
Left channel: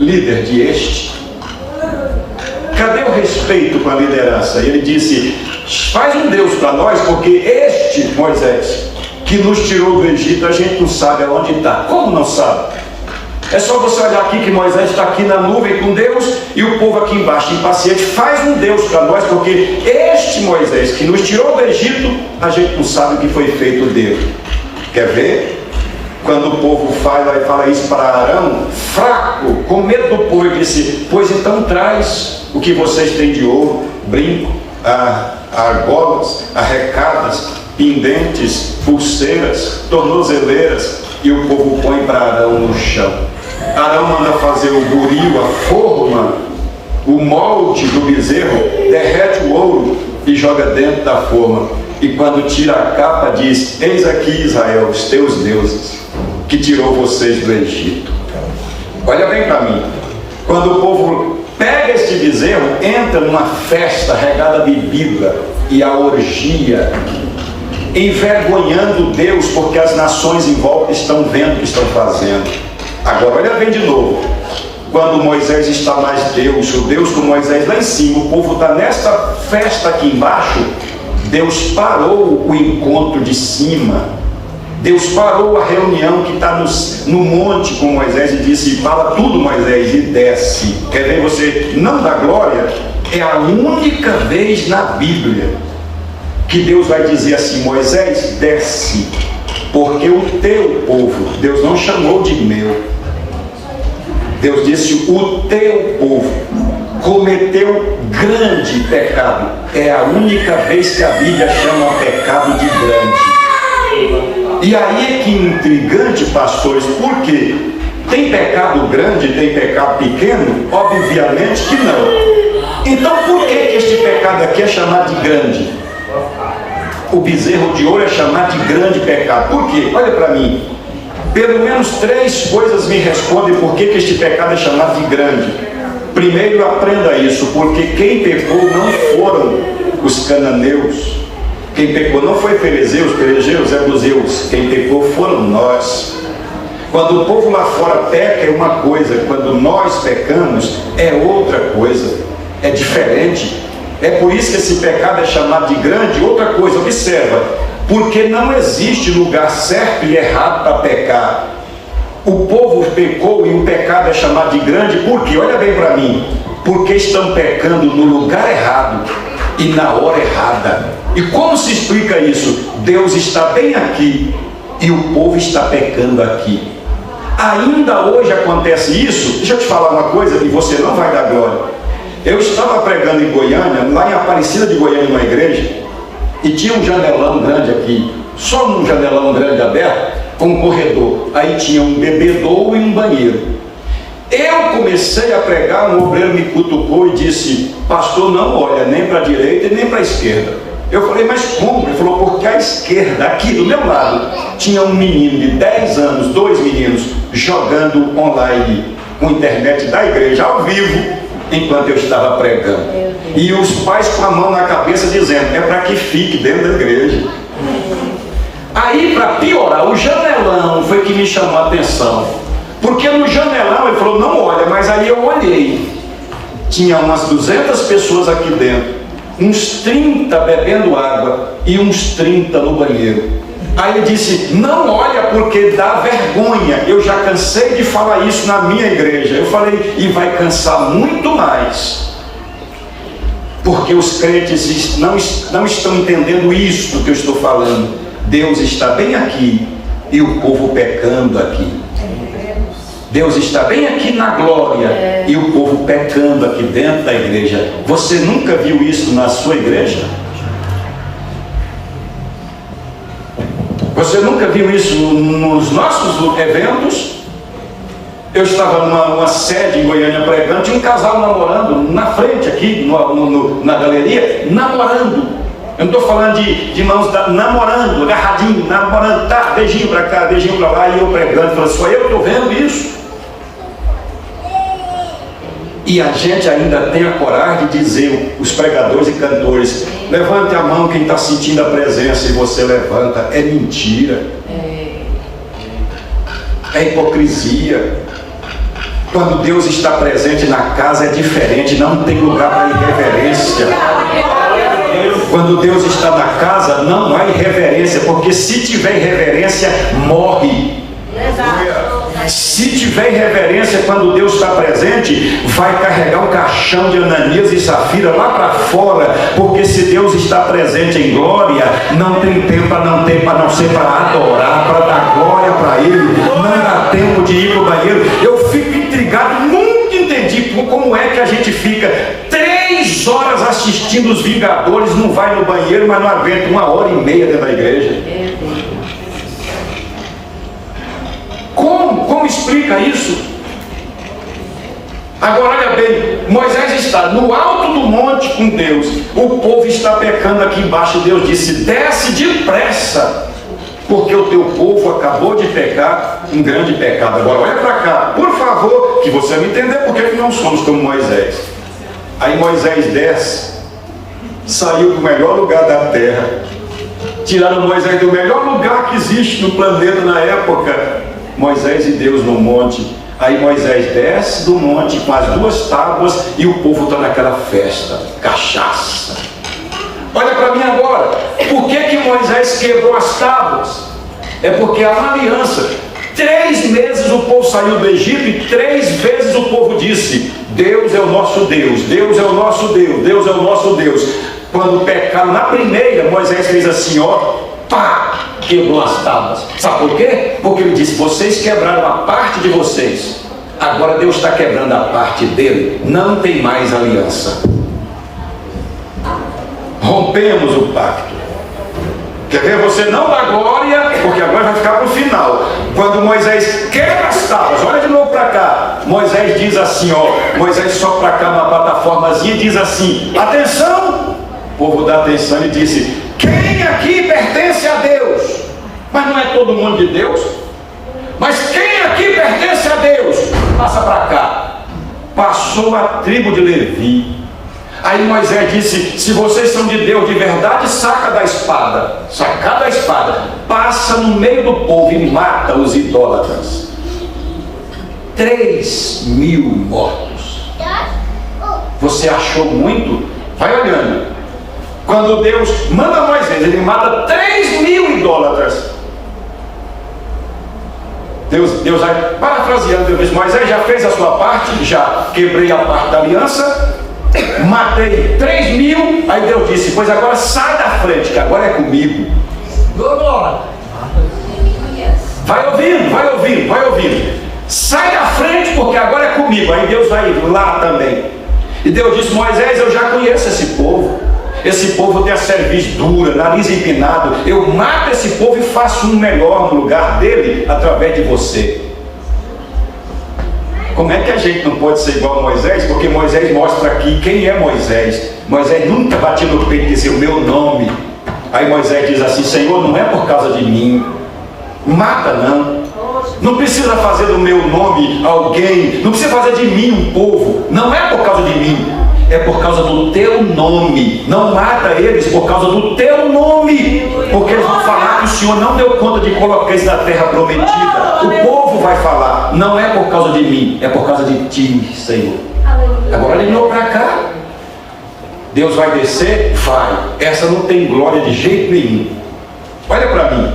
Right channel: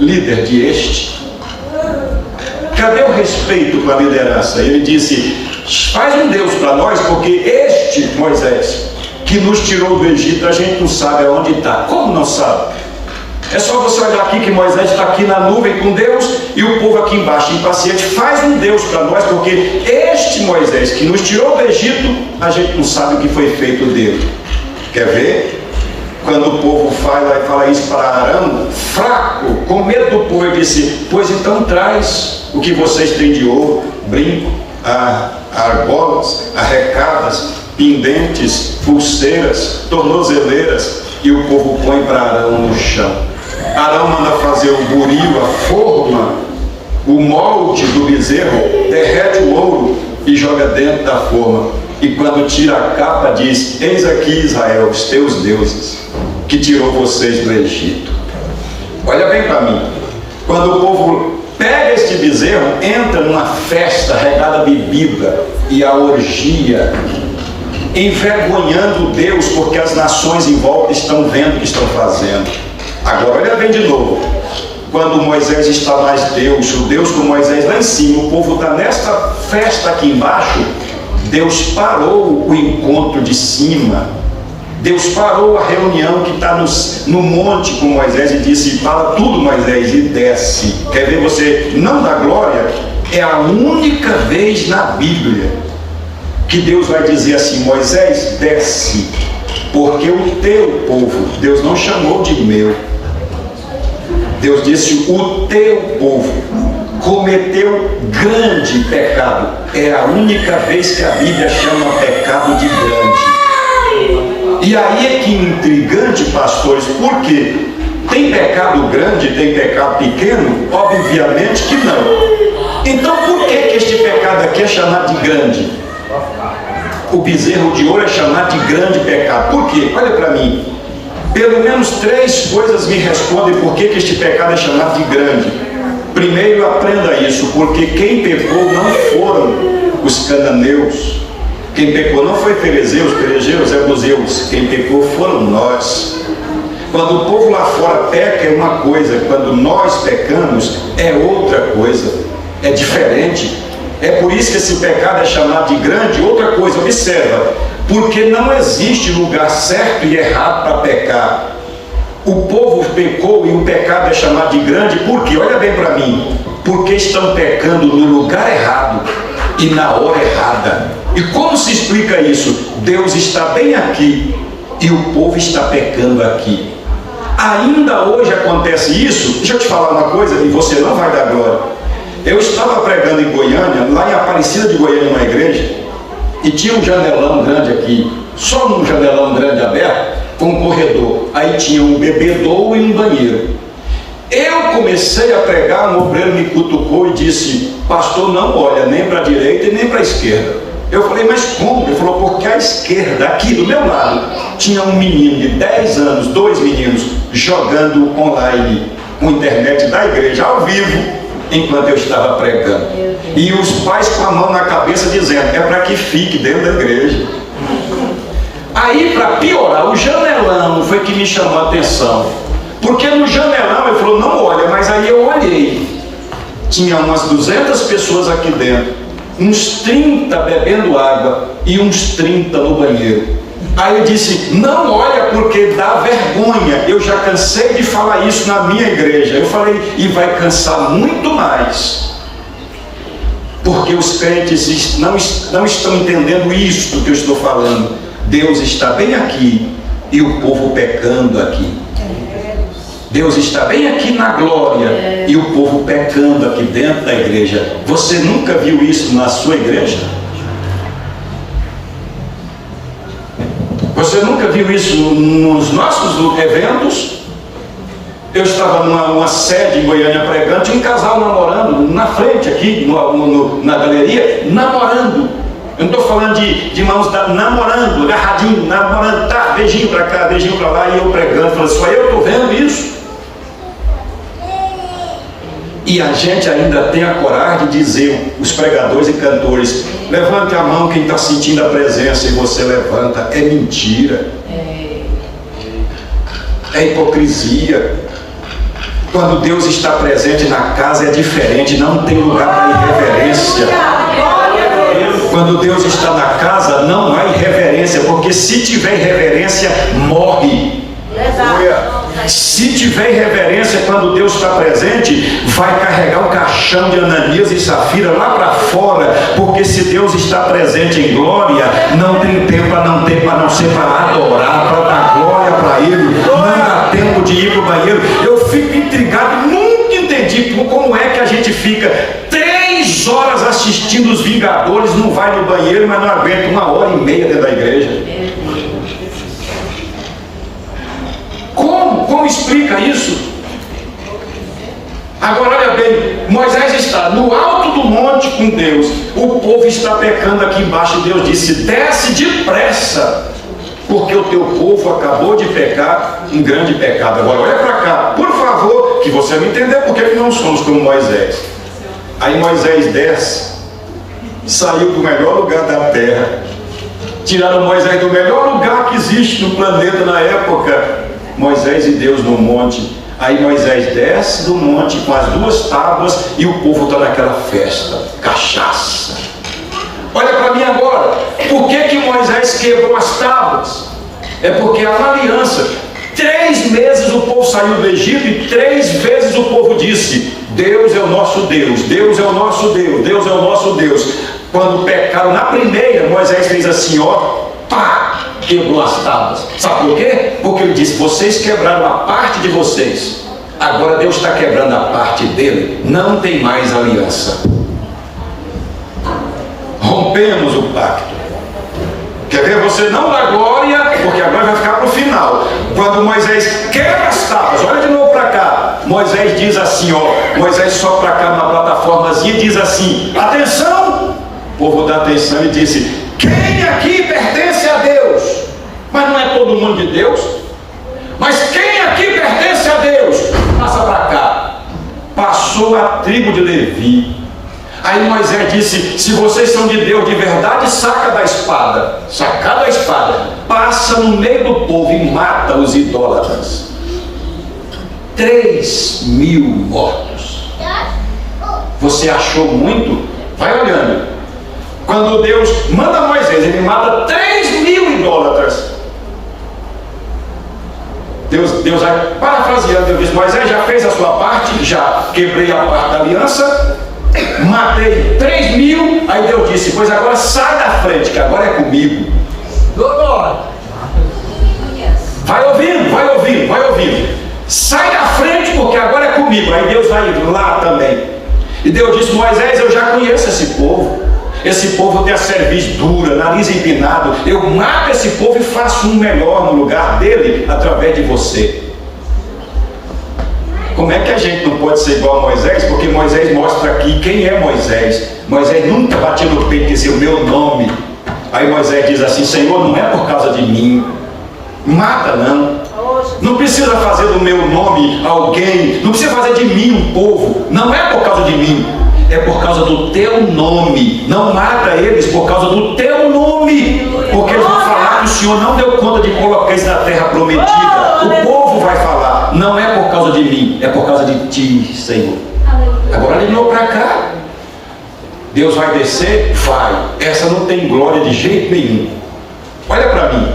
líder de este? Cadê o respeito para a liderança? Ele disse: faz um Deus para nós, porque este Moisés que nos tirou do Egito, a gente não sabe aonde está. Como não sabe? É só você olhar aqui que Moisés está aqui na nuvem com Deus e o povo aqui embaixo impaciente. Faz um Deus para nós, porque este Moisés que nos tirou do Egito, a gente não sabe o que foi feito dele. Quer ver? Quando o povo fala isso para Arão, fraco, com medo do povo, ele disse: pois então traz o que vocês têm de ouro, brinco, argolas, arrecadas, pendentes, pulseiras, tornozeleiras. E o povo põe para Arão no chão. Arão manda fazer o buril, a forma, o molde do bezerro, derrete o ouro e joga dentro da forma. E quando tira a capa, diz: eis aqui, Israel, os teus deuses, que tirou vocês do Egito. Olha bem para mim. Quando o povo pega este bezerro, entra numa festa regada a bebida e a orgia, envergonhando Deus, porque as nações em volta estão vendo o que estão fazendo. Agora olha bem de novo. Quando Moisés está mais Deus, o Deus com Moisés lá em cima, o povo está nesta festa aqui embaixo. Deus parou o encontro de cima. Deus parou a reunião que está no monte com Moisés e disse: fala tudo, Moisés, e desce. Quer ver você não dá glória? É a única vez na Bíblia que Deus vai dizer assim: Moisés, desce, porque o teu povo, Deus não chamou de meu, Deus disse: o teu povo cometeu grande pecado. É a única vez que a Bíblia chama pecado de grande. E aí é que é intrigante, pastores, porque tem pecado grande, tem pecado pequeno? Obviamente que não. Então por que este pecado aqui é chamado de grande? O bezerro de ouro é chamado de grande pecado. Por quê? Olha para mim. Pelo menos 3 coisas me respondem por que este pecado é chamado de grande. Primeiro, aprenda isso, porque quem pecou não foram os cananeus. Quem pecou não foi Ferezeus, Jebuseus. Quem pecou foram nós. Quando o povo lá fora peca é uma coisa, quando nós pecamos é outra coisa, é diferente. É por isso que esse pecado é chamado de grande. Outra coisa, observa, porque não existe lugar certo e errado para pecar. O povo pecou e o pecado é chamado de grande, porque, olha bem para mim, porque estão pecando no lugar errado e na hora errada. E como se explica isso? Deus está bem aqui e o povo está pecando aqui. Ainda hoje acontece isso. Deixa eu te falar uma coisa e você não vai dar glória. Eu estava pregando em Goiânia, lá em Aparecida de Goiânia, uma igreja, e tinha um janelão grande aqui, só um janelão grande aberto, com um corredor. Aí tinha um bebedouro e um banheiro. Eu comecei a pregar, um obreiro me cutucou e disse: pastor, não olha nem para a direita e nem para a esquerda. Eu falei: mas como? Ele falou: porque à esquerda, aqui do meu lado, tinha um menino de 10 anos, 2 meninos, jogando online, com internet da igreja, ao vivo, enquanto eu estava pregando. E os pais com a mão na cabeça dizendo: é para que fique dentro da igreja. Aí, para piorar, o janelão foi que me chamou a atenção, porque no janelão ele falou: não olha, mas aí eu olhei, tinha umas 200 pessoas aqui dentro, uns 30 bebendo água e uns 30 no banheiro. Aí eu disse: não olha, porque dá vergonha. Eu já cansei de falar isso na minha igreja. Eu falei: e vai cansar muito mais, porque os crentes não estão entendendo isso que eu estou falando. Deus está bem aqui e o povo pecando aqui. Deus está bem aqui na glória e o povo pecando aqui dentro da igreja. Você nunca viu isso na sua igreja? Você nunca viu isso nos nossos eventos? Eu estava numa sede em Goiânia pregando, tinha um casal namorando na frente aqui, na galeria, namorando. Eu não estou falando de mãos namorando, agarradinho, namorando, tá, beijinho para cá, beijinho para lá, e eu pregando, falando: só eu estou vendo isso. E a gente ainda tem a coragem de dizer, os pregadores e cantores: levante a mão quem está sentindo a presença, e você levanta. É mentira, é hipocrisia. Quando Deus está presente na casa é diferente, não tem lugar para irreverência. Quando Deus está na casa não há irreverência, porque se tiver irreverência, morre. Se tiver irreverência, quando Deus está presente, vai carregar o caixão de Ananias e Safira lá para fora, porque se Deus está presente em glória, não tem tempo a não ser para adorar, para dar glória para Ele. Não dá tempo de ir para o banheiro. Eu fico intrigado, nunca entendi como é que a gente fica 3 horas assistindo os Vingadores, não vai no banheiro, mas não aguenta 1h30 dentro da igreja. Como explica isso? Agora olha bem, Moisés está no alto do monte com Deus, o povo está pecando aqui embaixo. Deus disse: desce depressa, porque o teu povo acabou de pecar em grande pecado. Agora olha para cá, por favor, que você me entender porque que não somos como Moisés. Aí Moisés desce, saiu do melhor lugar da terra, tiraram Moisés do melhor lugar que existe no planeta na época, Moisés e Deus no monte. Aí Moisés desce do monte com as 2 tábuas e o povo está naquela festa, cachaça. Olha para mim agora, por que Moisés quebrou as tábuas? É porque é uma aliança. 3 meses o povo saiu do Egito e 3 vezes o povo disse: Deus é o nosso Deus, Deus é o nosso Deus, Deus é o nosso Deus. Quando pecaram na primeira, Moisés fez assim, ó, pá, quebrou as tábuas. Sabe por quê? Porque ele disse: vocês quebraram a parte de vocês, Agora Deus está quebrando a parte dele, não tem mais aliança. Rompemos o pacto. Quer ver? Você não dá glória, porque agora vai ficar para o final. Quando Moisés quebra as tábuas, olha de novo para cá. Moisés diz assim, ó, Moisés só para cá na plataformazinha diz assim: atenção! O povo dá atenção e disse: quem aqui pertence a Deus? Mas não é todo mundo de Deus? Mas quem aqui pertence a Deus? Passa para cá. Passou a tribo de Levi. Aí Moisés disse: se vocês são de Deus de verdade, saca da espada. Saca da espada. Passa no meio do povo e mata os idólatras. 3.000 mortos. Você achou muito? Vai olhando. Quando Deus manda Moisés, ele mata 3.000 idólatras. Deus vai parafraseando, Deus diz: Moisés já fez a sua parte, já quebrei a parte da aliança, matei 3.000. Aí Deus disse: pois agora sai da frente, que agora é comigo. Vai ouvindo, vai ouvindo, vai ouvindo. Sai da frente, porque agora é comigo. Aí Deus vai lá também. E Deus disse: Moisés, eu já conheço esse povo. Esse povo tem a cerviz dura, nariz empinado. Eu mato esse povo e faço um melhor no lugar dele, através de você. Como é que a gente não pode ser igual a Moisés? Porque Moisés mostra aqui quem é Moisés. Moisés nunca bate no peito e disse: o meu nome. Aí Moisés diz assim: Senhor, não é por causa de mim. Mata não. Não precisa fazer do meu nome alguém. Não precisa fazer de mim um povo. Não é por causa de mim. É por causa do teu nome. Não mata eles por causa do teu nome. Porque eles vão falar que o Senhor não deu conta de colocar eles na terra prometida. O povo vai falar: não é por causa de mim, é por causa de ti, Senhor. Agora ele não para cá. Deus vai descer? Vai. Essa não tem glória de jeito nenhum. Olha para mim.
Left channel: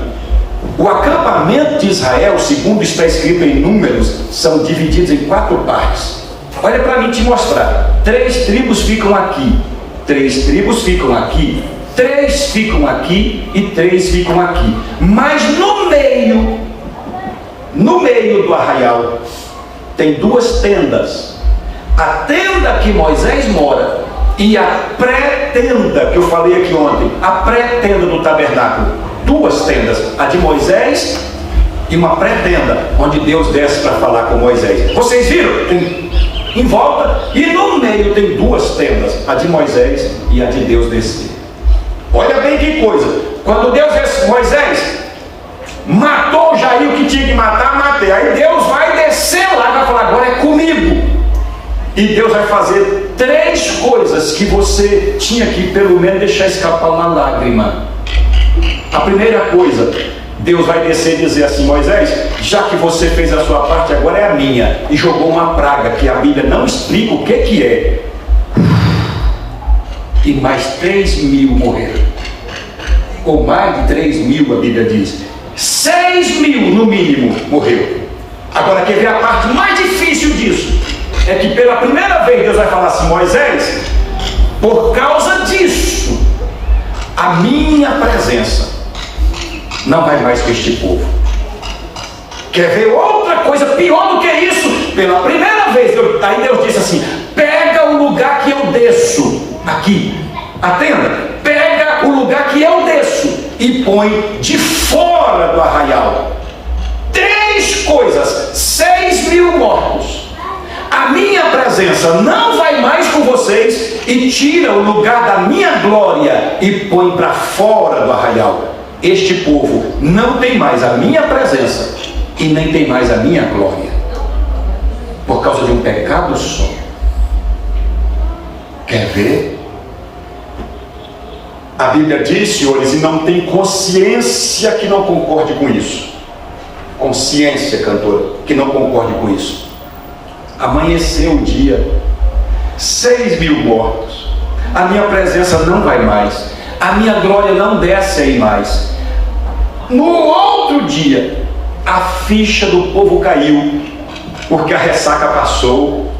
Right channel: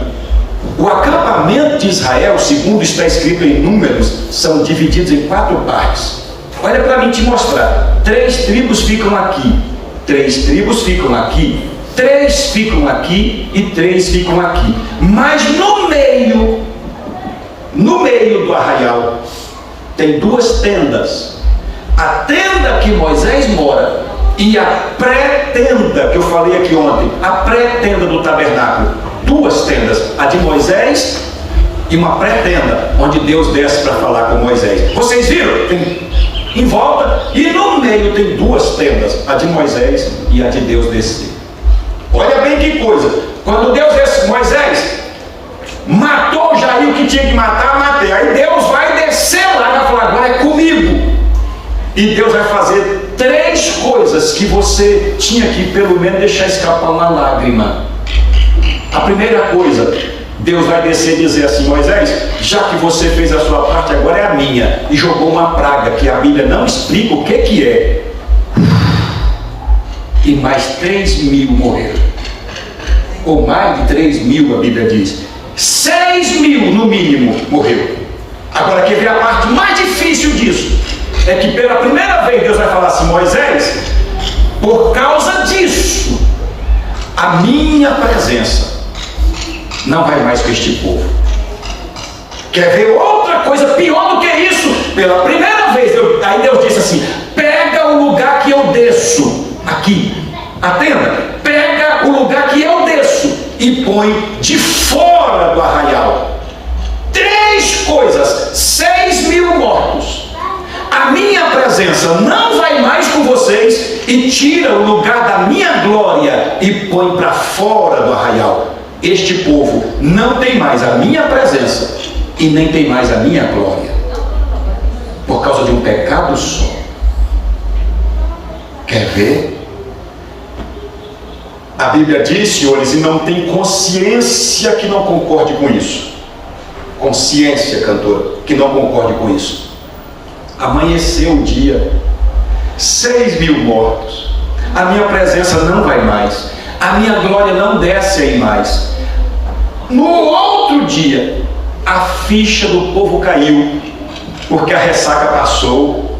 O acampamento de Israel, segundo está escrito em Números, são divididos em 4 partes. Olha para mim te mostrar. 3 tribos ficam aqui, 3 tribos ficam aqui, 3 ficam aqui e 3 ficam aqui. Mas no meio do arraial, tem 2 tendas. A tenda que Moisés mora e a pré-tenda que eu falei aqui ontem, a pré-tenda do tabernáculo. 2 tendas, a de Moisés e uma pré-tenda, onde Deus desce para falar com Moisés. Vocês viram? Tem em volta, e no meio tem 2 tendas, a de Moisés e a de Deus descer. Olha bem que coisa. Quando Deus desce, Moisés matou Jair, que tinha que matar, matei. Aí Deus vai descer lá e vai falar: agora é comigo. E Deus vai fazer 3 coisas que você tinha que pelo menos deixar escapar uma lágrima. A primeira coisa, Deus vai descer e dizer assim: Moisés, já que você fez a sua parte, agora é a minha. E jogou uma praga que a Bíblia não explica o que é. E mais 3.000 morreram. Ou mais de 3.000, a Bíblia diz. 6.000 no mínimo morreram. Agora quer ver a parte mais difícil disso? É que pela primeira vez Deus vai falar assim: Moisés, por causa disso, a minha presença não vai mais com este povo. Quer ver outra coisa pior do que isso? Pela primeira vez, aí Deus disse assim: pega o lugar que eu desço aqui, a tenda, pega o lugar que eu desço e põe de fora do arraial. 3 coisas, 6.000 mortos. A minha presença não vai mais com vocês e tira o lugar da minha glória e põe para fora do arraial. Este povo não tem mais a minha presença e nem tem mais a minha glória, por causa de um pecado só. Quer ver? A Bíblia diz, senhores, e não tem consciência que não concorde com isso. Consciência, cantora, que não concorde com isso. Amanheceu o dia, 6.000 mortos. A minha presença não vai mais, a minha glória não desce aí mais. No outro dia, a ficha do povo caiu, porque a ressaca passou.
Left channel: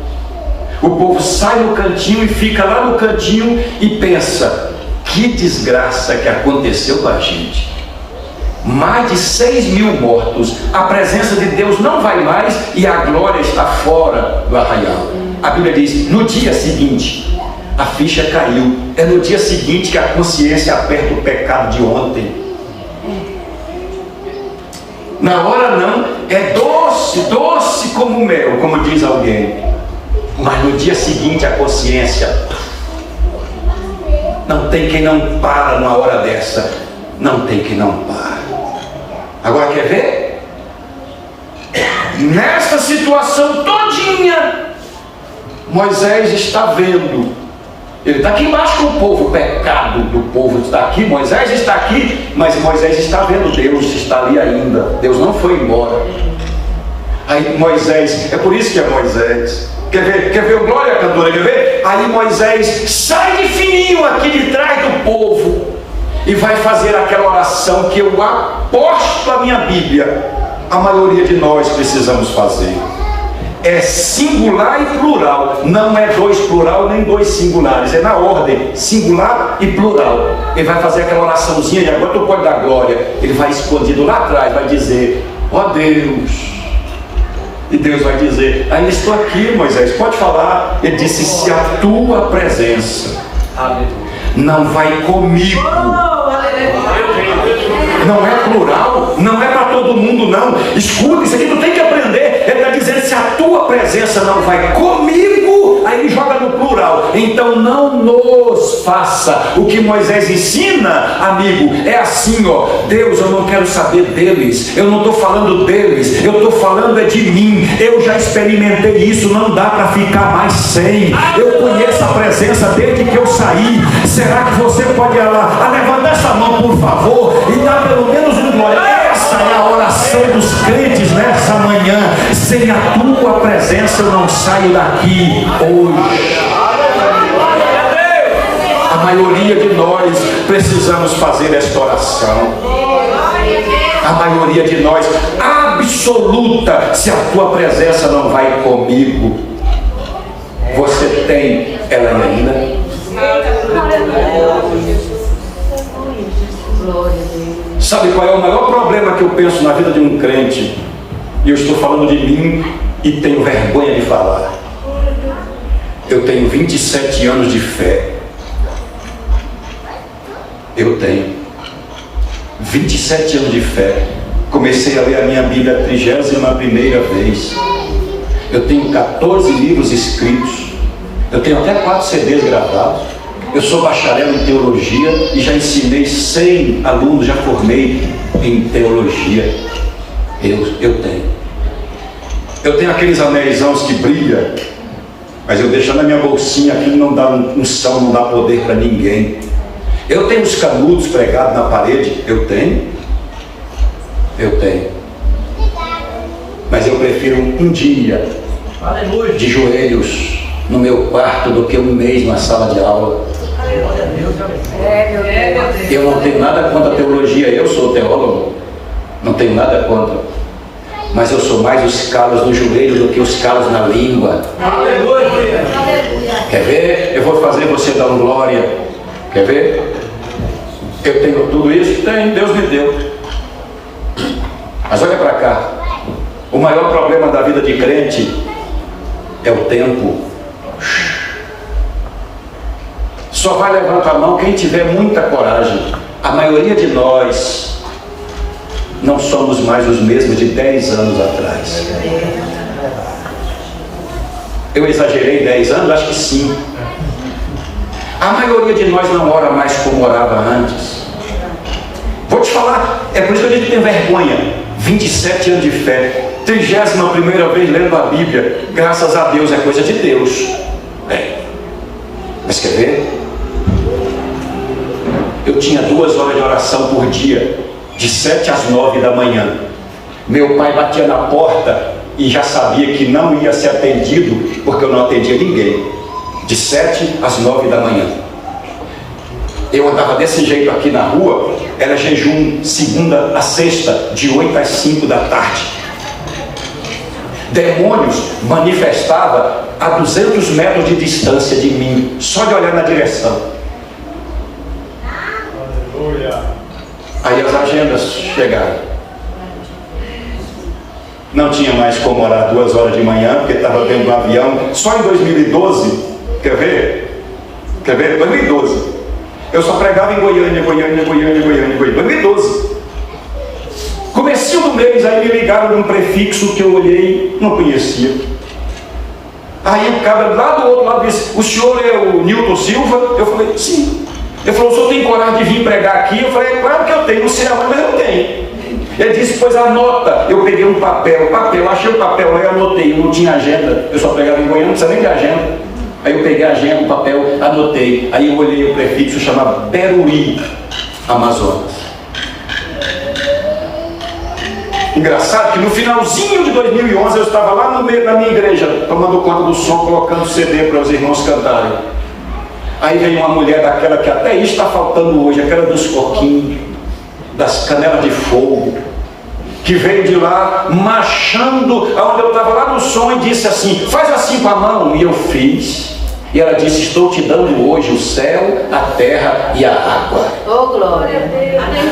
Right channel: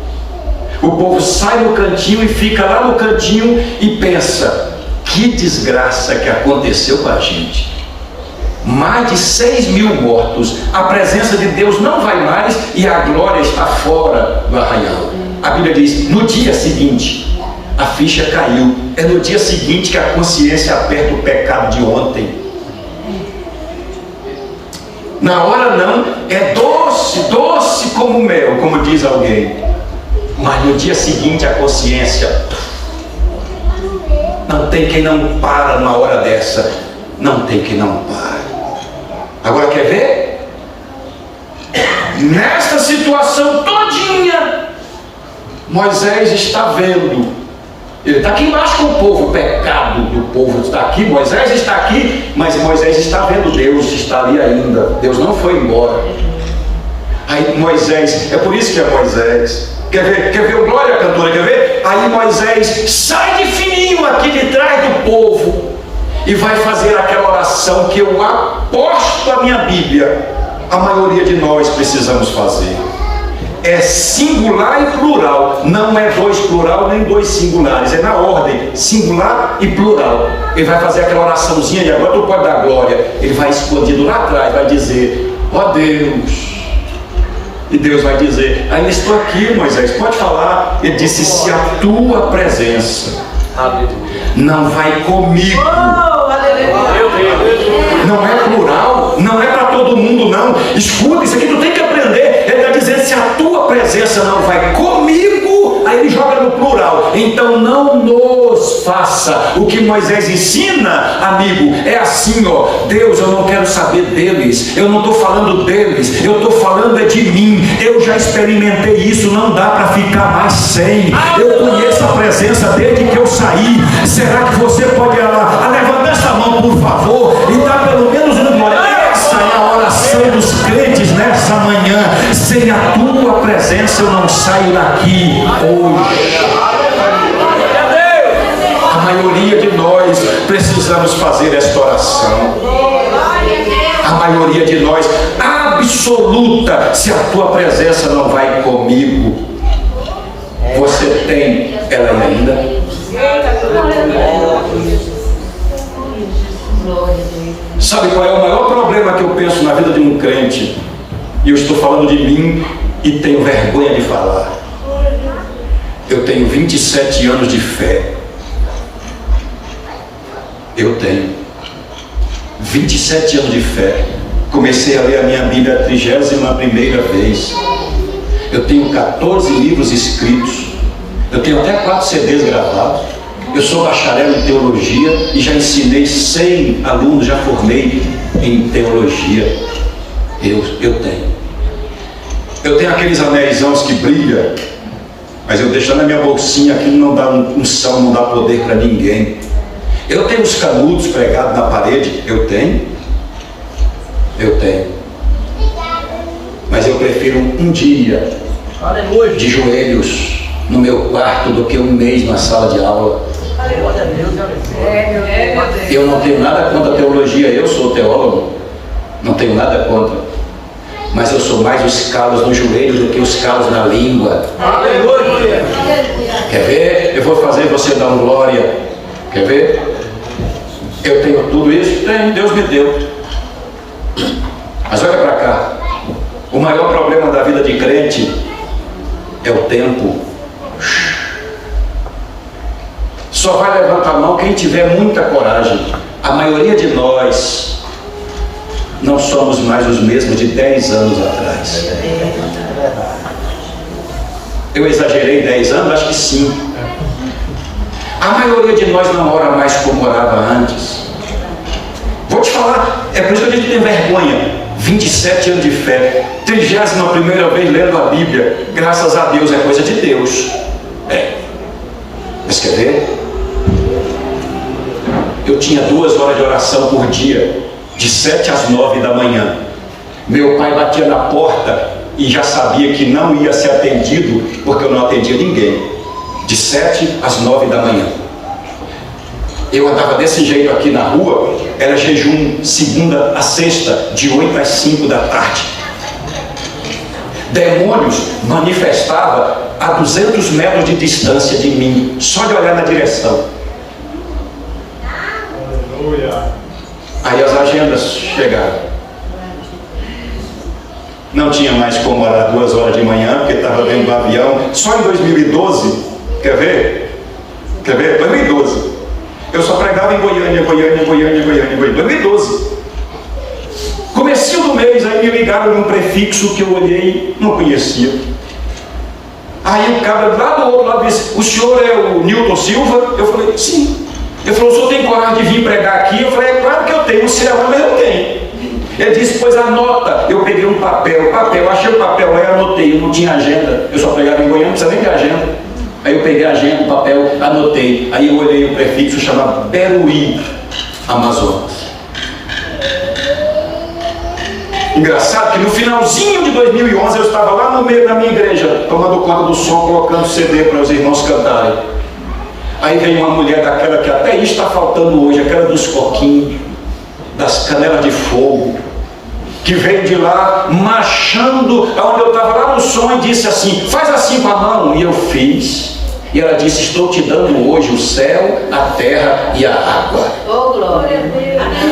O povo sai do cantinho e fica lá no cantinho e pensa: que desgraça que aconteceu com a gente. mais de 6.000 mortos. A presença de Deus não vai mais e a glória está fora do arraial. A Bíblia diz, no dia seguinte, a ficha caiu. É no dia seguinte que a consciência aperta o pecado de ontem. Na hora não, é doce, doce como mel, como diz alguém. Mas no dia seguinte a consciência, não tem quem não para na hora dessa. Não tem quem não para. Agora quer ver? Nessa situação todinha, Moisés está vendo. Ele está aqui embaixo com o povo, o pecado do povo está aqui, Moisés está aqui, mas Moisés está vendo, Deus está ali ainda, Deus não foi embora. Aí Moisés, é por isso que é Moisés. Quer ver o glória, cantora, quer ver? Aí Moisés sai de fininho aqui de trás do povo e vai fazer aquela oração que eu aposto a minha Bíblia, a maioria de nós precisamos fazer. É singular e plural, não é dois plural nem dois singulares, é na ordem, singular e plural. Ele vai fazer aquela oraçãozinha e agora tu pode dar glória. Ele vai escondido lá atrás, vai dizer, ó Deus. E Deus vai dizer, ainda estou aqui, Moisés, pode falar. Ele disse, se a tua presença não vai comigo. Não é plural, não é para todo mundo não. Escuta, isso aqui tu tem que aprender. Ele vai dizer, se a tua presença não vai comigo, aí ele joga no plural. Então não nos faça. O que Moisés ensina, amigo, é assim, ó. Deus, eu não quero saber deles, eu não estou falando deles, eu estou falando é de mim. Eu já experimentei isso, não dá para ficar mais sem. Eu conheço a presença desde que eu saí. Será que você pode levantar essa mão, por favor, e dar pelo menos um glória? Essa é a oração dos crentes nessa manhã. Sem a tua presença eu não saio daqui hoje. A maioria de nós precisamos fazer esta oração. A maioria de nós, absoluta, se a tua presença não vai comigo. Você tem ela ainda? Sabe qual é o maior problema que eu penso na vida de um crente? E eu estou falando de mim e tenho vergonha de falar. Eu tenho 27 anos de fé. Eu tenho 27 anos de fé. Comecei a ler a minha Bíblia a 31ª vez. Eu tenho 14 livros escritos. Eu tenho até 4 CDs gravados. Eu sou bacharel em teologia e já ensinei 100 alunos, já formei em teologia. Eu tenho. Eu tenho aqueles anéisãos que brilham, mas eu deixo na minha bolsinha aqui, não dá unção, não dá poder para ninguém. Eu tenho os canudos pregados na parede. Eu tenho. Mas eu prefiro um dia de joelhos no meu quarto do que um mês na sala de aula. Eu não tenho nada contra a teologia, eu sou teólogo, não tenho nada contra, mas eu sou mais os calos no joelho do que os calos na língua. Quer ver? Eu vou fazer você dar um glória. Quer ver? Eu tenho tudo isso? Tenho, Deus me deu. Mas olha para cá, o maior problema da vida de crente é o tempo. Só vai levantar a mão quem tiver muita coragem. A maioria de nós não somos mais os mesmos de 10 anos atrás. Eu exagerei 10 anos? Acho que sim. A maioria de nós não ora mais como orava antes. Vou te falar, é por isso que eu digo que tenho vergonha. 27 anos de fé, 31ª vez lendo a Bíblia, graças a Deus, é coisa de Deus. Mas quer ver? Eu tinha 2 horas de oração por dia, de 7 às 9 da manhã. Meu pai batia na porta e já sabia que não ia ser atendido, porque eu não atendia ninguém. De 7 às 9 da manhã. Eu andava desse jeito aqui na rua, era jejum segunda a sexta, de 8 às 5 da tarde. Demônios manifestavam a 200 metros de distância de mim, só de olhar na direção. Aí as agendas chegaram. Não tinha mais como orar 2 horas de manhã, porque estava dentro do avião. Só em 2012, quer ver? 2012. Eu só pregava em Goiânia. 2012. Comecinho do mês, aí me ligaram um prefixo que eu olhei, não conhecia. Aí o cara lá do outro lado disse: o senhor é o Nilton Silva? Eu falei: sim. Ele falou: o senhor tem coragem de vir pregar aqui? Eu falei: é claro que eu tenho, não sei aonde, mas eu tenho. Ele disse: pois anota. Eu peguei um papel, achei o papel, aí anotei, não tinha agenda. Eu só pregava em Goiânia, não precisa nem de agenda. Aí eu peguei a agenda, o papel, anotei. Aí eu olhei o prefixo, chamava Beruri, Amazonas. Engraçado que no finalzinho de 2011 eu estava lá no meio da minha igreja, tomando conta do som, colocando CD para os irmãos cantarem. Aí veio uma mulher daquela que até isso está faltando hoje, aquela dos coquinhos, das canelas de fogo, que veio de lá marchando, onde eu estava lá no som, e disse assim: faz assim com a mão. E eu fiz. E ela disse: estou te dando hoje o céu, a terra e a água. Oh, glória.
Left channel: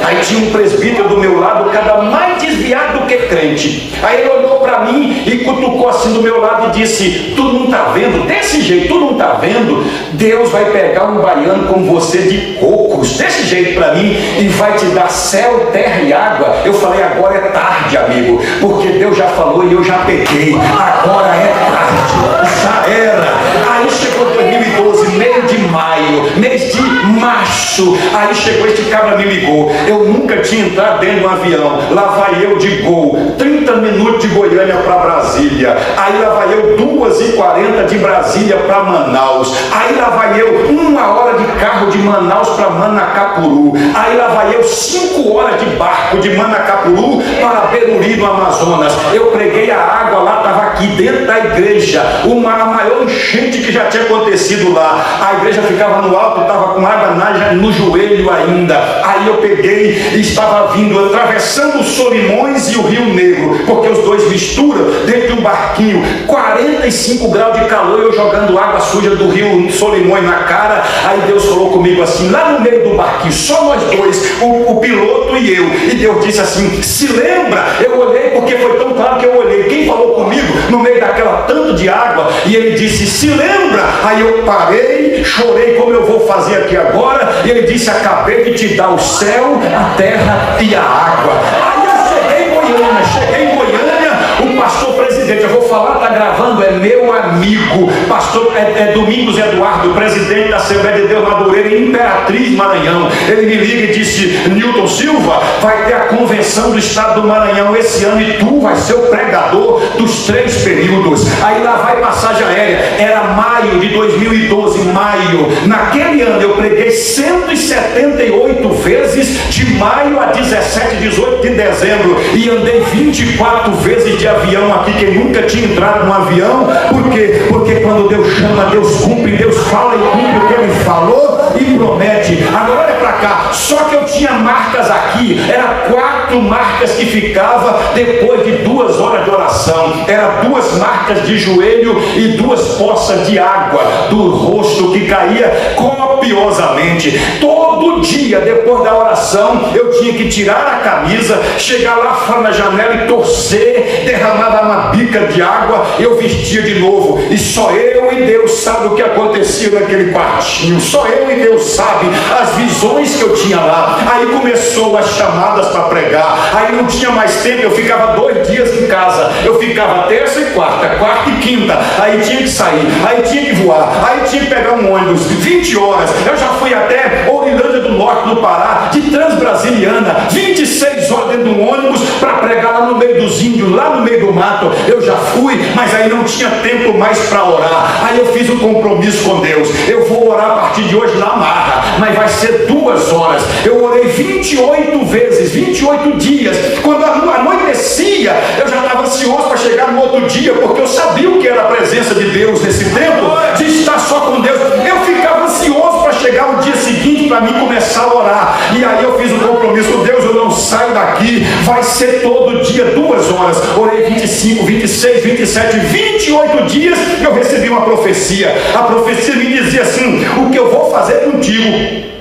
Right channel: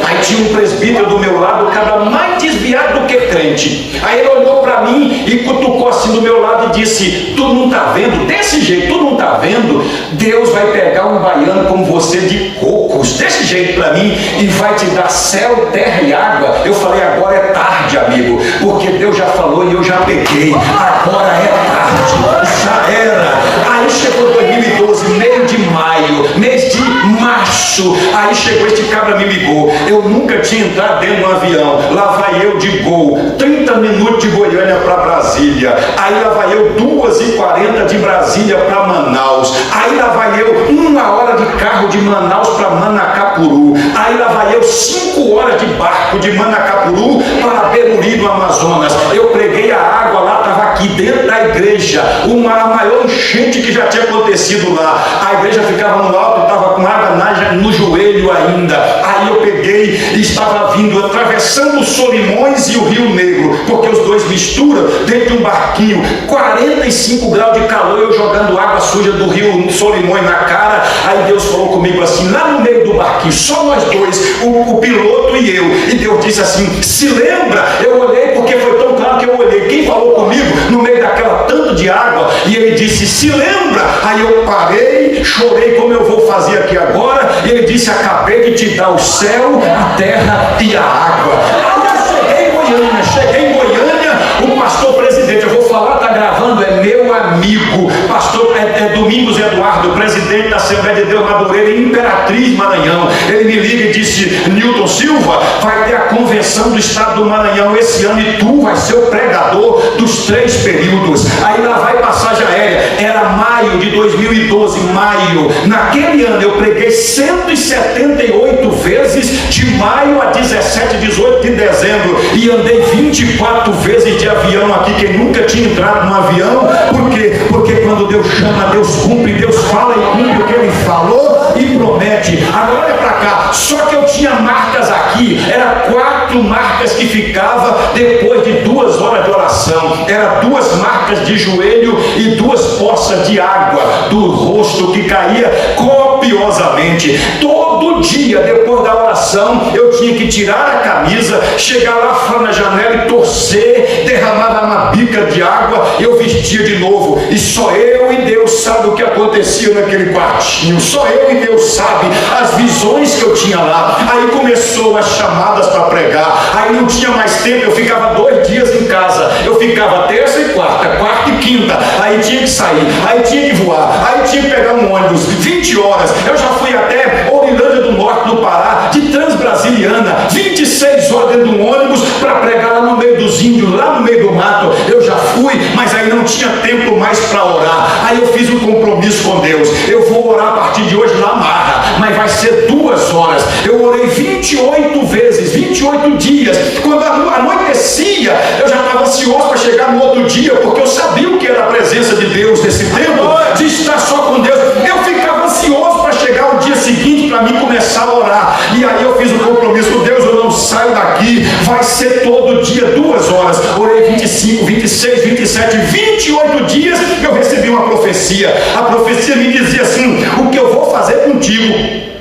Aí tinha um presbítero do meu lado, o cara mais desviado do que crente. Aí ele olhou para mim e cutucou assim do meu lado e disse: tu não está vendo? Desse jeito, tu não está vendo? Deus vai pegar um baiano como você de cocos, desse jeito para mim, e vai te dar céu, terra e água. Eu falei: agora é tarde, amigo, porque Deus já falou e eu já peguei. Agora é tarde, já era. Aí chegou 2012, meio de maio, mês de março. Aí chegou, este cabra me ligou. Eu nunca tinha entrado dentro de um avião. Lá vai eu de Gol, 30 minutos de Goiânia para Brasília. Aí lá vai eu 2h40 de Brasília para Manaus. Aí lá vai eu 1 hora de carro de Manaus para Manacapuru. Aí lá vai eu 5 horas de barco de Manacapuru para Beruri, no Amazonas. Eu preguei a água lá, estava aqui dentro da igreja, a maior enchente que já tinha acontecido lá. A igreja ficava no alto e estava com água no joelho ainda. Aí eu peguei e estava vindo, atravessando os Solimões e o Rio Negro, porque os dois misturam dentro de um barquinho, 45 graus de calor, eu jogando água suja do Rio Solimões na cara. Aí Deus falou comigo assim, lá no meio do barquinho, só nós dois, o piloto e eu. E Deus disse assim: se lembra? Eu olhei, porque foi tão claro que eu olhei. Quem falou comigo no meio daquela tanto de água? E ele disse: se lembra? Aí eu parei, chorei como eu vou fazer aqui agora. E ele disse: acabei de te dar o céu, a terra e a água. Aí eu cheguei em Goiânia, o pastor presidente, eu vou falar, está gravando, é meu amigo, pastor Domingos Eduardo, presidente da Assembleia de Deus Madureira, em Imperatriz, Maranhão. Ele me liga e disse: Nilton Silva, vai ter a convenção do estado do Maranhão esse ano e tu vai ser o pregador dos 3 períodos. Aí lá vai passagem aérea. Era maio de 2012, maio. Naquele ano eu preguei 178 vezes, de maio a 17, 18 de dezembro, e andei 24 vezes de avião aqui. Quem nunca tinha entrado num avião? Por quê? Porque quando Deus chama, Deus cumpre, Deus fala e cumpre o que Ele falou e promete. Agora olha para cá, só que eu tinha marcas aqui, era 4 marcas que ficava depois de 2 horas de oração. Era 2 marcas de joelho e 2 poças de água do rosto que caía copiosamente. Todo dia, depois da oração, eu tinha que tirar a camisa, chegar lá na janela e torcer, derramar uma bica de água, eu vestia de novo. E só eu e Deus sabe o que acontecia naquele quartinho. Só eu e Deus sabe as visões que eu tinha lá. Aí começou as chamadas para pregar. Aí não tinha mais tempo, eu ficava 2 dias em casa. Eu ficava terça e quarta, quarta e quinta. Aí tinha que sair, aí tinha que voar, aí tinha que pegar um ônibus, 20 horas. Eu já fui até Orilândia do Norte, no Pará, de Transbrasiliana, 26 horas dentro de um ônibus para pregar lá no meio dos índios, lá no meio do mato. Eu já fui, mas aí não tinha tempo mais para orar. Aí eu fiz um compromisso com Deus: eu vou orar a partir de hoje na marra, mas vai ser 2 horas. Eu orei 28 vezes, 28 dias. Quando anoitecia, eu já estava ansioso para chegar no outro dia, porque eu sabia o que era a presença de Deus nesse tempo, de estar só com Deus. Eu ficava ansioso para chegar o dia seguinte, para mim começar a orar. E aí eu fiz um compromisso: Deus, eu não saio daqui, vai ser todo dia 2 horas. Orei 25, 26, 27, 28 dias. Eu recebi uma profecia. A profecia me dizia assim: o que eu vou fazer contigo,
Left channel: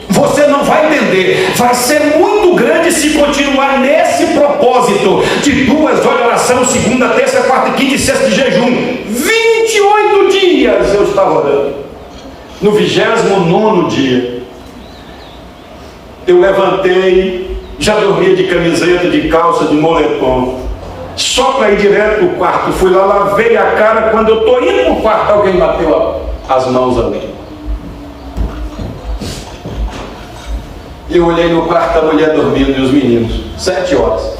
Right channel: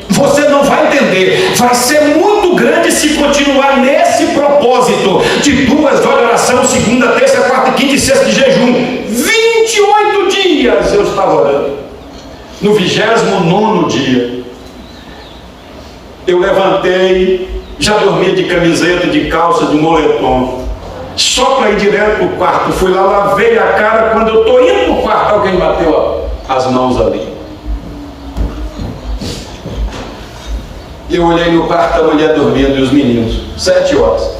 você não vai entender, vai ser muito grande se no 29º dia, eu levantei, já dormia de camiseta, de calça, de moletom, só para ir direto para o quarto. Fui lá, lavei a cara. Quando eu estou indo para o quarto, alguém bateu as mãos ali. Eu olhei no quarto, a mulher dormindo e os meninos, 7 horas.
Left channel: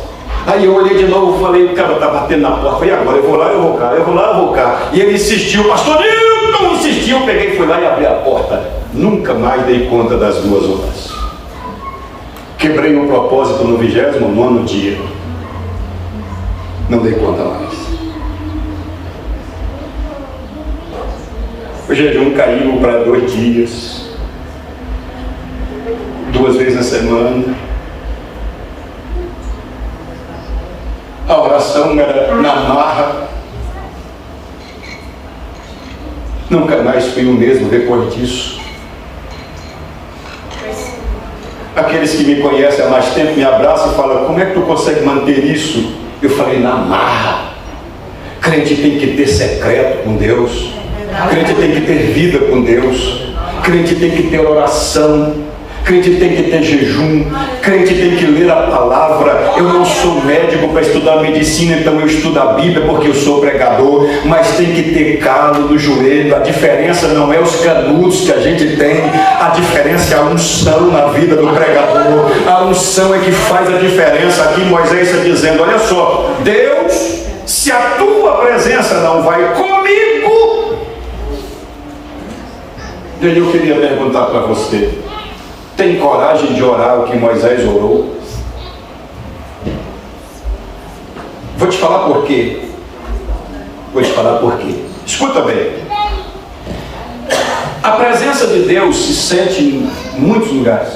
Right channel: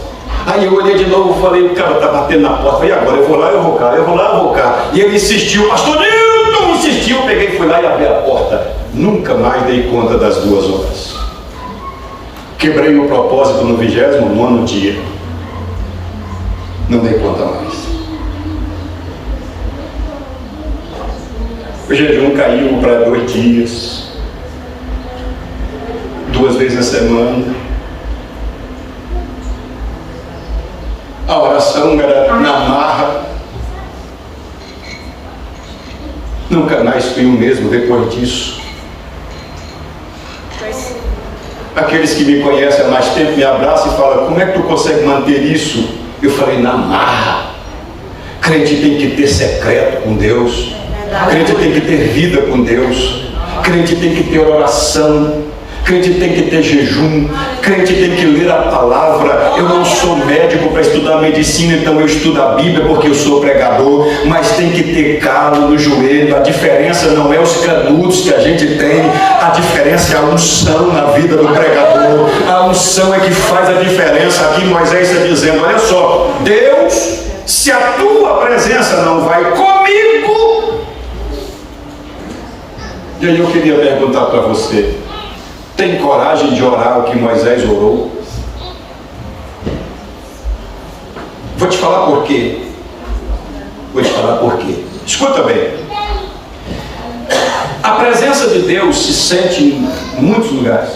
Aí eu olhei de novo, falei, o cara está batendo na porta. Falei, agora eu vou lá, eu vou cá, eu vou lá, eu vou cá. E ele insistiu, pastor Nilton insistiu, peguei, fui lá e abri a porta. Nunca mais dei conta das 2 horas. Quebrei o propósito no 29º dia. Não dei conta mais. O jejum caiu para 2 dias. 2 vezes na semana. A oração era na marra. Nunca mais fui o mesmo depois disso. Aqueles que me conhecem há mais tempo me abraçam e falam, como é que tu consegue manter isso? Eu falei, na marra. Crente tem que ter secreto com Deus. Crente tem que ter vida com Deus. Crente tem que ter oração. Crente tem que ter jejum. Crente tem que ler a palavra. Eu não sou médico para estudar medicina, então eu estudo a Bíblia porque eu sou pregador. Mas tem que ter calo no joelho. A diferença não é os canudos que a gente tem. A diferença é a unção na vida do pregador. A unção é que faz a diferença. Aqui Moisés está dizendo, olha só, Deus, se a tua presença não vai comigo. E aí eu queria perguntar para você, tem coragem de orar o que Moisés orou? Vou te falar por quê. Escuta bem. A presença de Deus se sente em muitos lugares.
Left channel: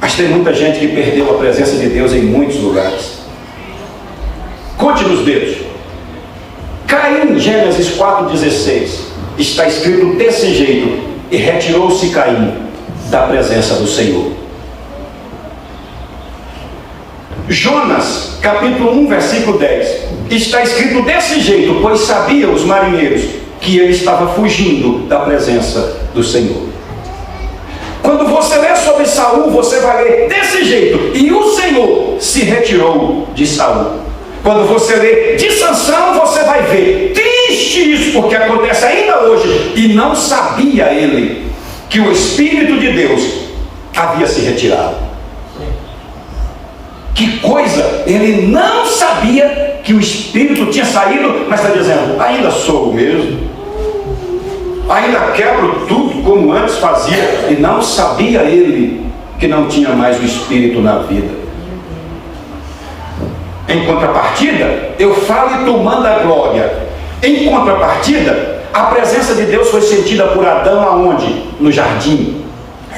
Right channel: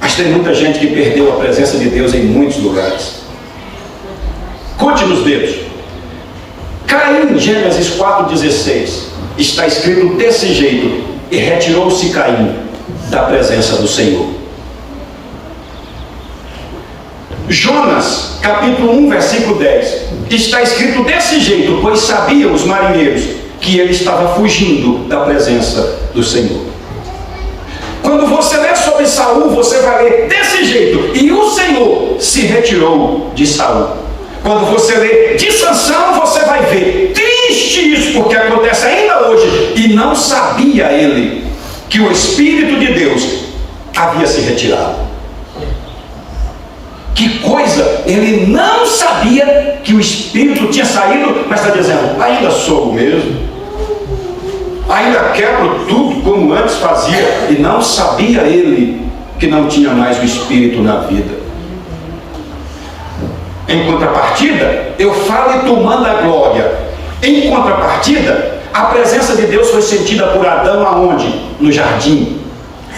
Mas tem muita gente que perdeu a presença de Deus em muitos lugares. Conte nos dedos. Caim, Gênesis 4,16, está escrito desse jeito: e retirou-se Caim da presença do Senhor. Jonas, capítulo 1, versículo 10, está escrito desse jeito, pois sabiam os marinheiros que ele estava fugindo da presença do Senhor. Quando você lê sobre Saul, você vai ler desse jeito: e o Senhor se retirou de Saul. Quando você lê de Sansão, você vai ver triste isso, porque acontece ainda hoje, e não sabia ele que o Espírito de Deus havia se retirado. Que coisa! Ele não sabia que o Espírito tinha saído, mas está dizendo, ainda sou o mesmo, ainda quebro tudo como antes fazia, e não sabia ele que não tinha mais o Espírito na vida. Em contrapartida, eu falo e tu manda a glória. Em contrapartida, a presença de Deus foi sentida por Adão aonde? No jardim.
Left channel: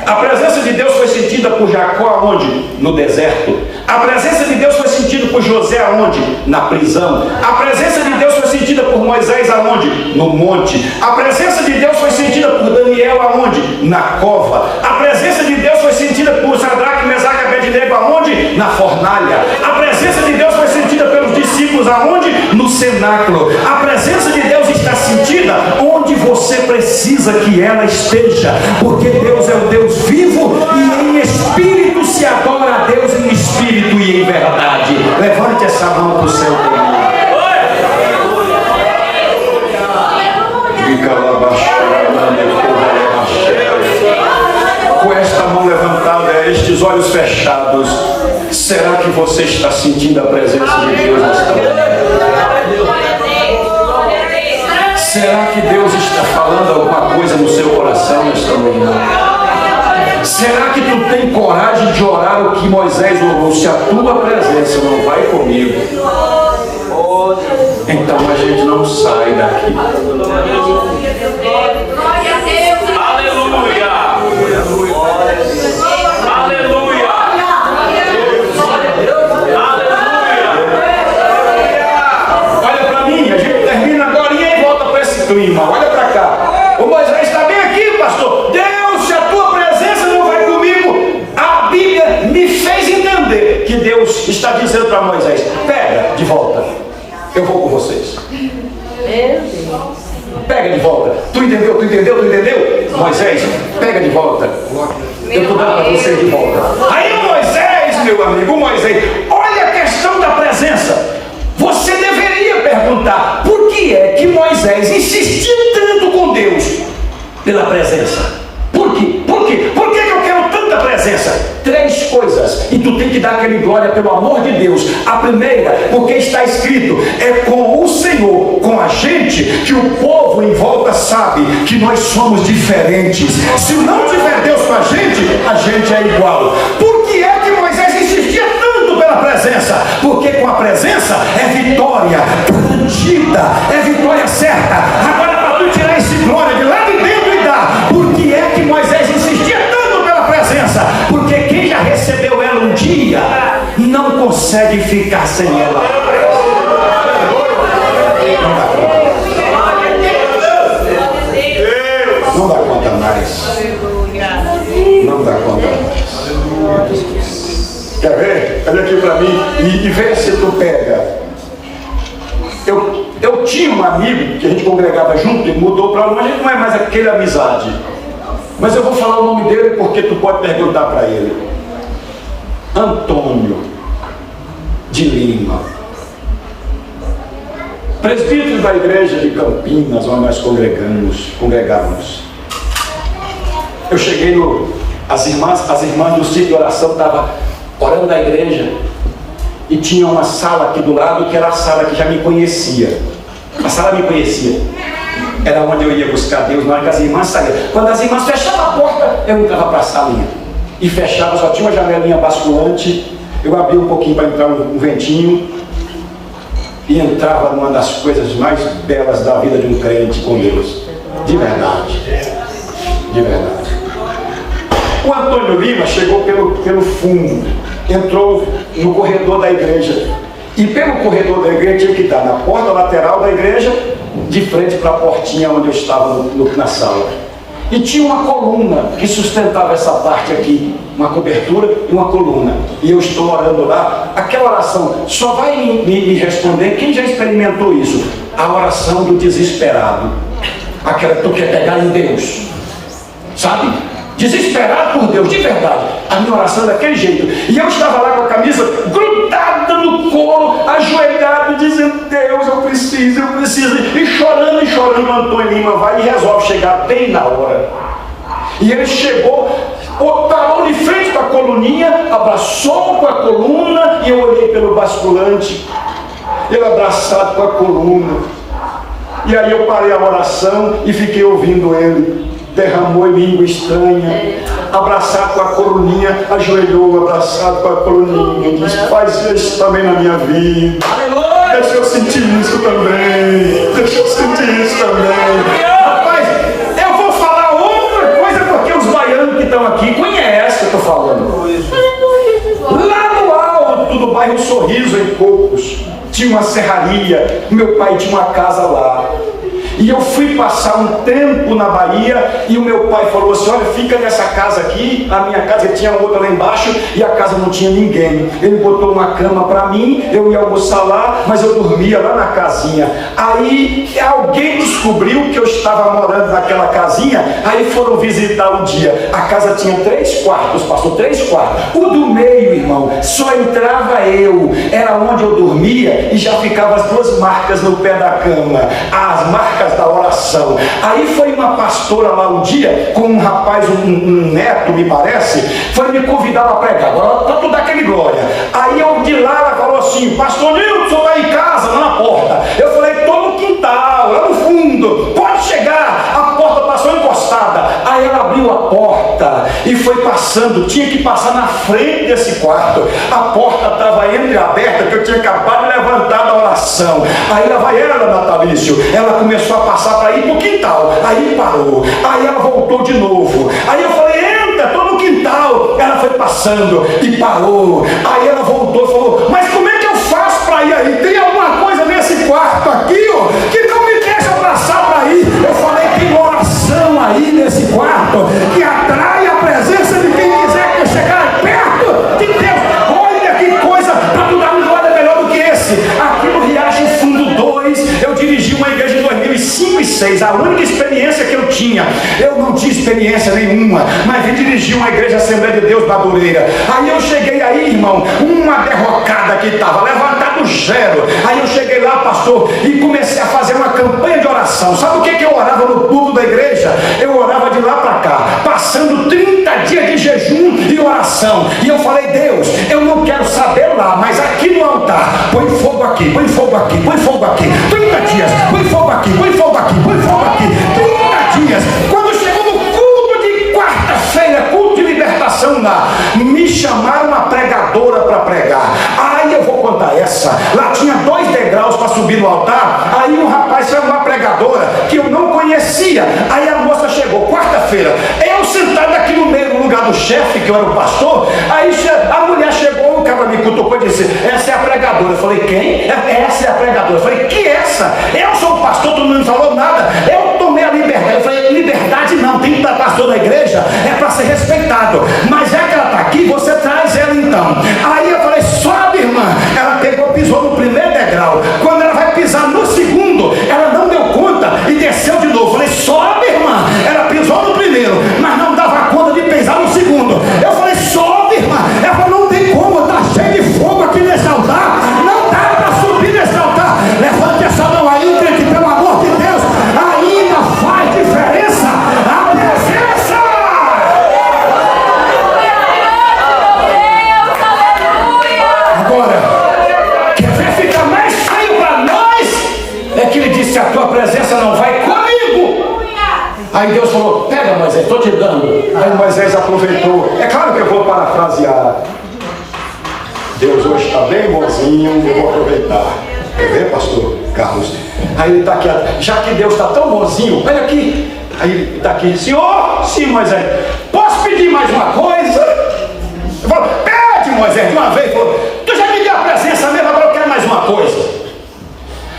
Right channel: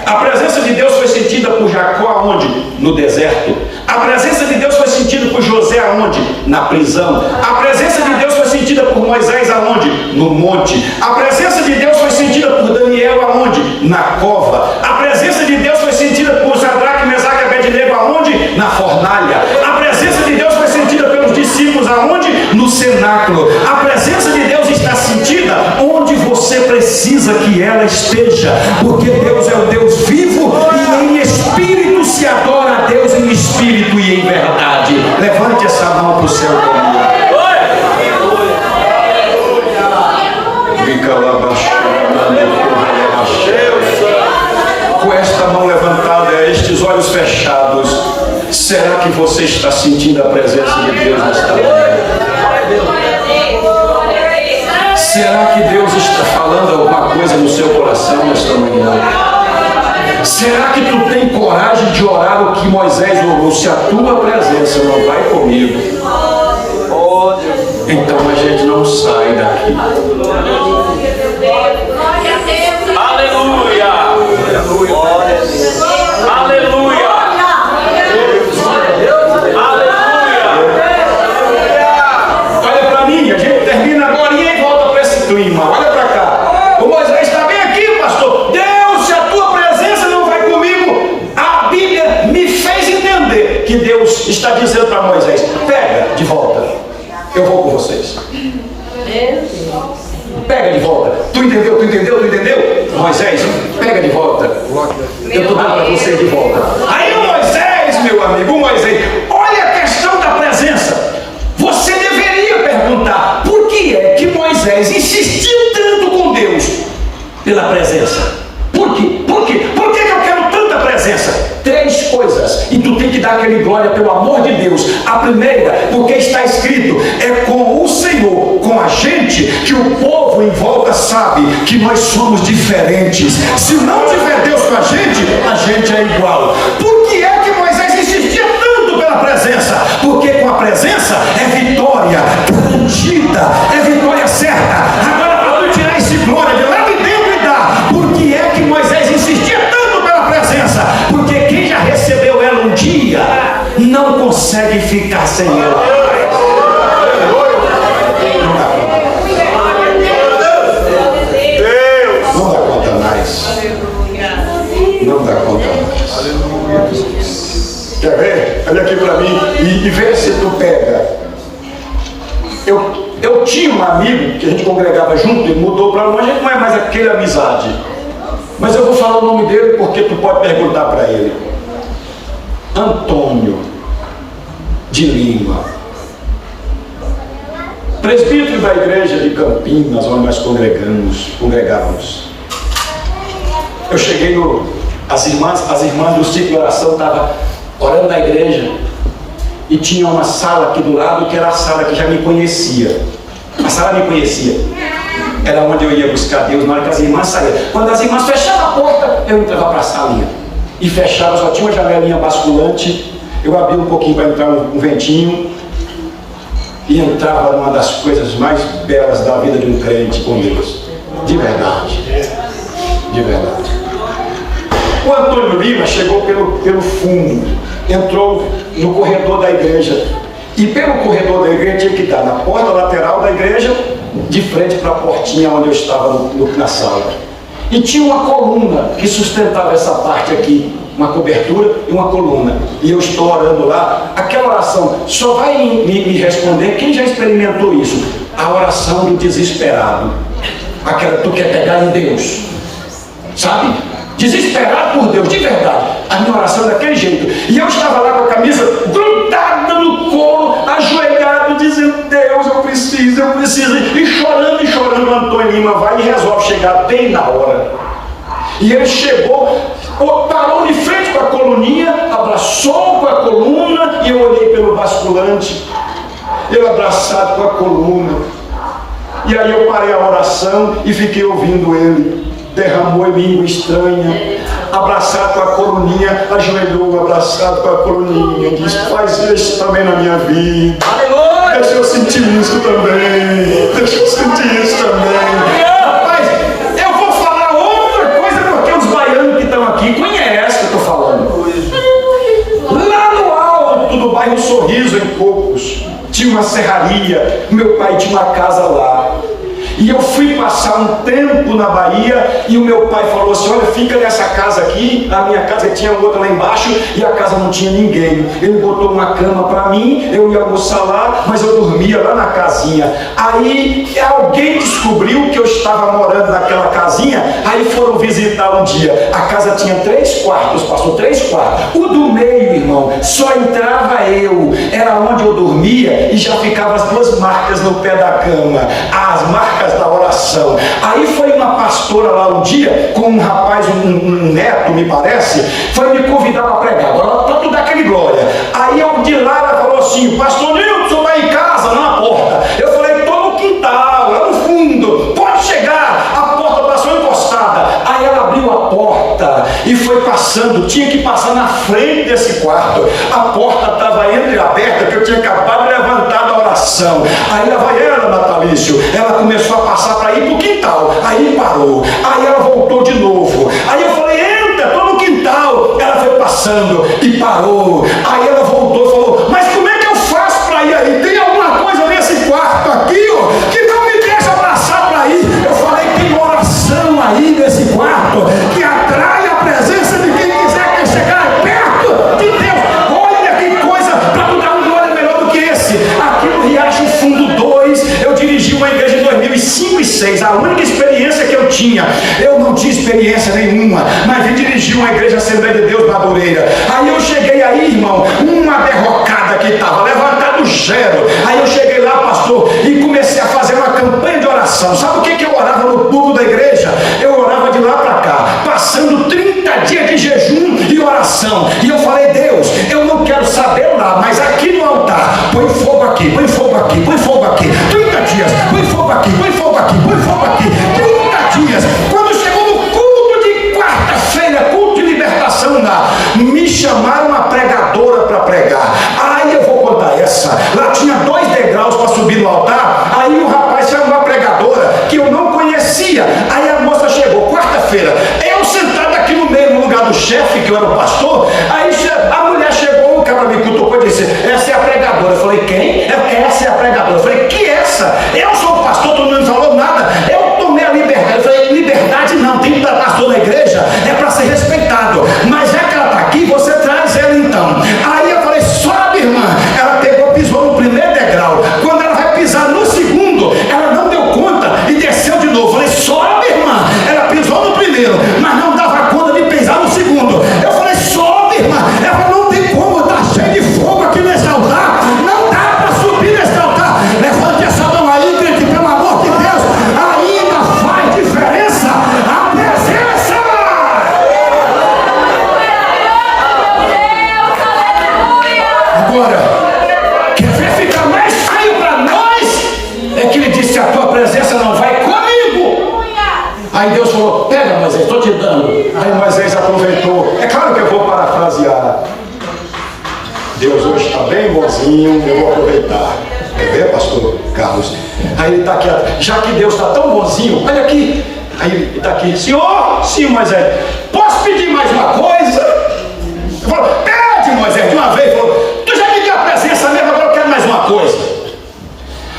A presença de Deus foi sentida por Jacó aonde? No deserto. A presença de Deus foi sentida por José aonde? Na prisão. A presença de Deus foi sentida por Moisés aonde? No monte. A presença de Deus foi sentida por Daniel aonde? Na cova. A presença de Deus foi sentida por Sadraque, Mesaque e Abednego aonde? Na fornalha. A presença de Deus foi sentida pelos discípulos aonde? No cenáculo. A presença de Deus está sentida onde você precisa que ela esteja, porque Deus é o Deus vivo e em espírito se adora a Deus, em espírito e em verdade. Levante essa mão para o céu comigo. Com esta mão levantada, estes olhos fechados, será que você está sentindo a presença de Deus nesta hora? Será que Deus está falando alguma coisa no seu coração nesta manhã? Será que tu tem coragem de orar o que Moisés orou? Se a tua presença não vai comigo, então a gente não sai daqui. Aleluia! Aleluia! Olha para mim, a gente termina agora e volta para esse clima. Olha para cá. O Moisés está bem aqui, pastor. Deus, se a tua presença não vai comigo, a Bíblia me fez entender que Deus está dizendo para Moisés: pega de volta, eu vou com vocês. Pega de volta. Tu entendeu? Tu entendeu? Tu entendeu? Moisés, pega de volta. Eu estou dando para você de volta. Aí Moisés, meu amigo, Moisés, olha a questão da presença. Você deveria perguntar, por que é que Moisés insistiu tanto com Deus pela presença? Por quê? Por quê? Por que eu quero tanta presença? 3 coisas, e tu tem que dar aquele glória pelo amor de Deus. A primeira, porque está escrito, é com o Senhor, com a gente, que o povo em volta sabe que nós somos diferentes. Se não tiver Deus com a gente é igual. Por que é que Moisés insistia tanto pela presença? Porque com a presença é vitória garantida, é vitória certa. Agora, para tu tirar esse glória de lá de dentro e dar, por que é que Moisés insistia tanto pela presença? Porque quem já recebeu ela um dia não consegue ficar sem ela. Não dá conta mais. Não dá conta mais. Quer ver? Olha aqui para mim e vê se tu pega. Eu tinha um amigo que a gente congregava junto, ele mudou para longe, não é mais aquela amizade. Mas eu vou falar o nome dele porque tu pode perguntar para ele. Antônio de Lima, presbítero da igreja de Campinas, onde nós congregávamos. Eu cheguei as irmãs do ciclo de oração estavam orando na igreja e tinha uma sala aqui do lado que era a sala que já me conhecia. A sala me conhecia. Era onde eu ia buscar Deus na hora que as irmãs saíam. Quando as irmãs fechavam a porta, eu entrava para a salinha. E fechava, só tinha uma janelinha basculante. Eu abria um pouquinho para entrar um ventinho. E entrava numa das coisas mais belas da vida de um crente com Deus. De verdade. De verdade. O Antônio Lima chegou pelo fundo. Entrou no corredor da igreja. E pelo corredor da igreja tinha que estar na porta lateral da igreja, de frente para a portinha onde eu estava na sala. E tinha uma coluna que sustentava essa parte aqui, uma cobertura e uma coluna. E eu estou orando lá. Aquela oração só vai me responder quem já experimentou isso. A oração do desesperado. Aquela que tu quer pegar em Deus. Sabe? Desesperado por Deus, de verdade. A minha oração é daquele jeito. E eu estava lá com a camisa grudada no colo, ajoelhado, dizendo: Deus, eu preciso. E chorando, Antônio Lima vai e resolve chegar bem na hora. E ele chegou, parou de frente com a coluninha, abraçou com a coluna, e eu olhei pelo basculante, eu abraçado com a coluna. E aí eu parei a oração e fiquei ouvindo ele. Derramou em língua estranha, abraçado com a coluninha, ajoelhou, abraçado com a coluninha, e disse: faz isso também na minha vida. Aleluia! Deixa eu sentir isso também. Deixa eu sentir isso também. Rapaz, eu vou falar outra coisa porque os baianos que estão aqui conhecem o que eu estou falando. Lá no alto do bairro Sorriso, em Cocos, tinha uma serraria. Meu pai tinha uma casa lá. E eu fui passar um tempo na Bahia e o meu pai falou assim: olha, fica nessa casa aqui. A minha casa tinha outra lá embaixo e a casa não tinha ninguém. Ele botou uma cama para mim, eu ia almoçar lá, mas eu dormia lá na casinha. Aí alguém descobriu que eu estava morando naquela casinha, aí foram visitar um dia. A casa tinha 3 quartos, passou 3 quartos. O do meio, irmão, só entrava eu. Era onde eu dormia e já ficavam as 2 marcas no pé da cama. As marcas da oração. Aí foi uma pastora lá um dia, com um rapaz, um neto, me parece, foi me convidar para pregar, para tu dar aquele glória. Aí eu de lá, ela falou assim: pastor Nilton, tu está em casa, lá na porta. Eu falei: estou no quintal, lá no fundo, pode chegar. A porta passou encostada. Aí ela abriu a porta e foi passando, tinha que passar na frente desse quarto. A porta estava entreaberta, que eu tinha acabado de levantar da oração. Aí lá vai ela, Natalício, ela começou a passar para ir para o quintal, aí parou, aí ela voltou de novo. Aí eu falei: entra, estou no quintal. Ela foi passando e parou. Aí ela voltou e falou: mas como é que eu faço para ir aí? Tem alguma coisa nesse quarto aqui, ó, que não me deixa passar para ir? Eu falei: tem oração aí nesse quarto que atrai a presença de quem quiser chegar perto de Deus. Olha que coisa, para tu dar um glória melhor do que esse. Aqui no Riacho Fundo 2, eu dirigi uma igreja em 2005 e 2006. A única experiência que eu tinha, eu não tinha experiência experiência nenhuma, mas vim dirigir uma igreja Assembleia de Deus Madureira. Aí eu cheguei aí, irmão, uma derrocada que estava levantado zero. Aí eu cheguei lá, pastor, e comecei a fazer uma campanha de oração. Sabe o que eu orava no púlpito da igreja? Eu orava de lá para cá, passando 30 dias de jejum e oração. E eu falei, Deus, eu não quero saber lá, mas aqui no altar, põe fogo aqui, põe fogo aqui, põe fogo aqui. 30 dias, põe fogo aqui, põe fogo aqui, põe fogo aqui. 30 dias. Quando chegou no culto de quarta-feira, culto de libertação lá, me chamaram uma pregadora para pregar. Aí eu vou contar essa. Lá tinha 2 degraus para subir no altar. Aí o rapaz chamou uma pregadora que eu não conhecia. Aí a moça chegou, quarta-feira, eu sentado aqui no meio, no lugar do chefe, que eu era o pastor. Aí a mulher chegou, o cara me cutucou e disse, essa é a pregadora. Eu falei, quem? Essa é a pregadora. Eu falei, que essa? Eu sou o pastor, tu não me falou nada. Eu tomei a liberdade. Eu falei, liberdade não, tem que dar pastor da igreja, é para ser respeitado. Mas já que ela está aqui, você traz ela então. Aí eu falei, sobe, irmã. Ela pegou, pisou no primeiro degrau. Quando ela vai pisar no segundo, ela não deu conta e desceu de novo. Eu falei, sobe, irmã. Ela pisou no primeiro, mas não dava conta de pisar no segundo. Eu falei, sobe, irmã. Ela não tem como, está cheio de fogo aqui nesse altar. Não dá para subir nesse altar. Levante essa mão aí, crente, pelo amor de Deus. Ainda faz diferença a presença. Agora, quer ver ficar mais feio para nós? É que ele disse, a tua presença não vai comigo. Aí Deus falou, pega Moisés, estou te dando. Aí Moisés aproveitou. É claro que eu vou parafrasear. Deus hoje está bem bonzinho, eu vou aproveitar. Quer ver, pastor Carlos? Aí ele está aqui, já que Deus está tão bonzinho, olha aqui. Aí ele está aqui, senhor, sim, Moisés, posso pedir mais uma coisa? Eu falo, pede, Moisés, de uma vez. Eu falo, tu já me deu a presença mesmo, agora eu quero mais uma coisa.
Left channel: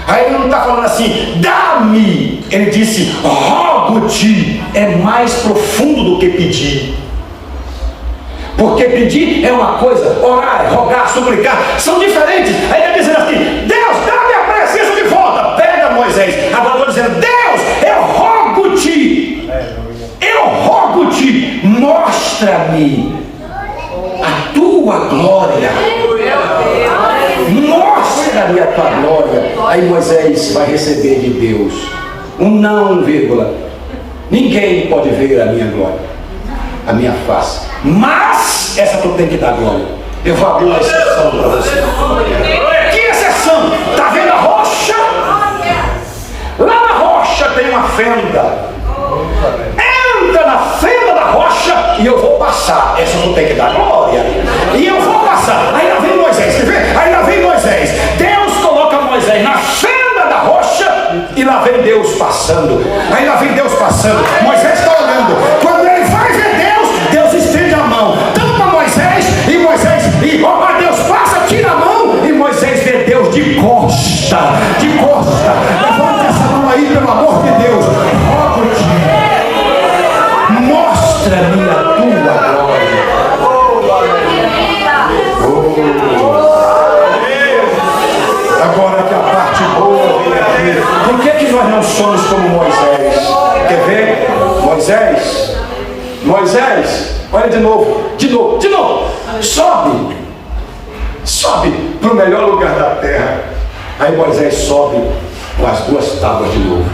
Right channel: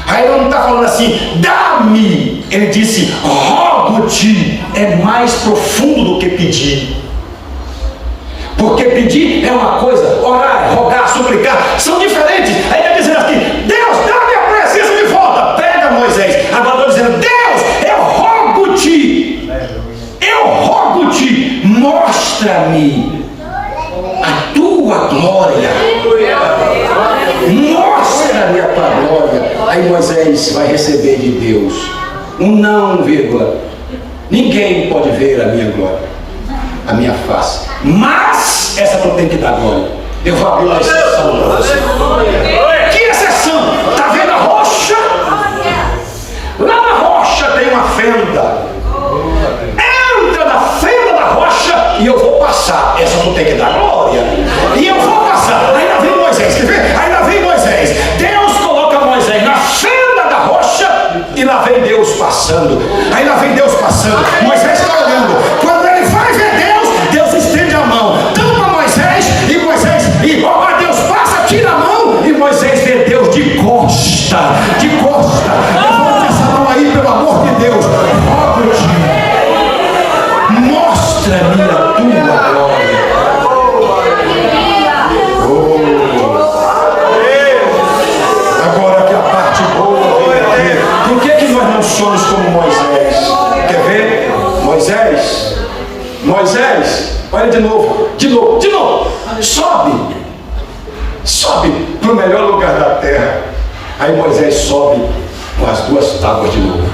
Aí ele não está falando assim, dá-me. Ele disse, rogo-te. É mais profundo do que pedir. Porque pedir é uma coisa, orar, rogar, suplicar, são diferentes. Aí ele está dizendo assim, Deus, dá-me a presença de volta. Pega, Moisés. Agora está dizendo, Deus, eu rogo-te. Eu rogo-te, mostra-me a tua glória. Mostra-me a tua glória. Aí Moisés vai receber de Deus um não, vírgula. Ninguém pode ver a minha glória, a minha face, mas essa tu tem que dar glória. Eu vou abrir uma exceção para você. Que exceção? Está vendo a rocha? Lá na rocha tem uma fenda. Entra na fenda da rocha e eu vou passar. Essa tu tem que dar glória. E eu vou passar. Aí lá vem Moisés, quer ver? Aí lá vem Moisés. Deus coloca Moisés na fenda da rocha e lá vem Deus passando. Aí lá vem Deus passando. Moisés está olhando. Quando ele vai ver Deus, Deus estende a mão. Tampa Moisés e Moisés. E ó, Deus passa, tira a mão e Moisés vê Deus de costa. De costa. Levante essa mão aí, pelo amor de Deus. Rogo-te. Mostra-me a tua glória. Agora que a parte boa vem aqui. Por que nós não somos como Moisés? Quer ver? Moisés, olha de novo. Sobe para o melhor lugar da terra. Aí Moisés sobe com as 2 tábuas de novo.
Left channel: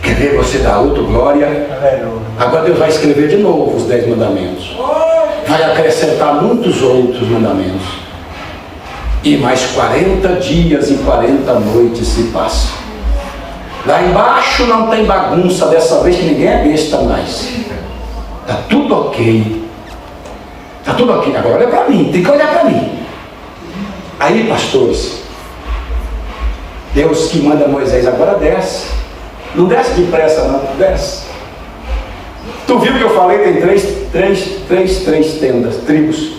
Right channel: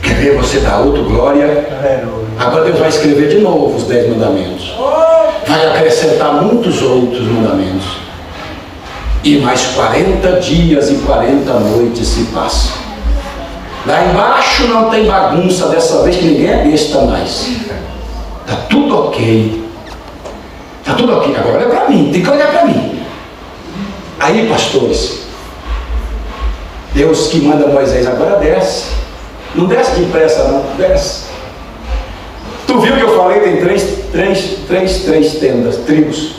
Quer ver você dar outro glória? Agora Deus vai escrever de novo os 10 mandamentos. Vai acrescentar muitos outros mandamentos. E mais 40 dias e 40 noites se passam. Lá embaixo não tem bagunça, dessa vez que ninguém é besta mais. Está tudo ok. Está tudo ok. Agora olha para mim, tem que olhar para mim. Aí, pastores, Deus que manda Moisés, agora desce. Não desce depressa não, desce. Tu viu que eu falei, tem três tendas, tribos.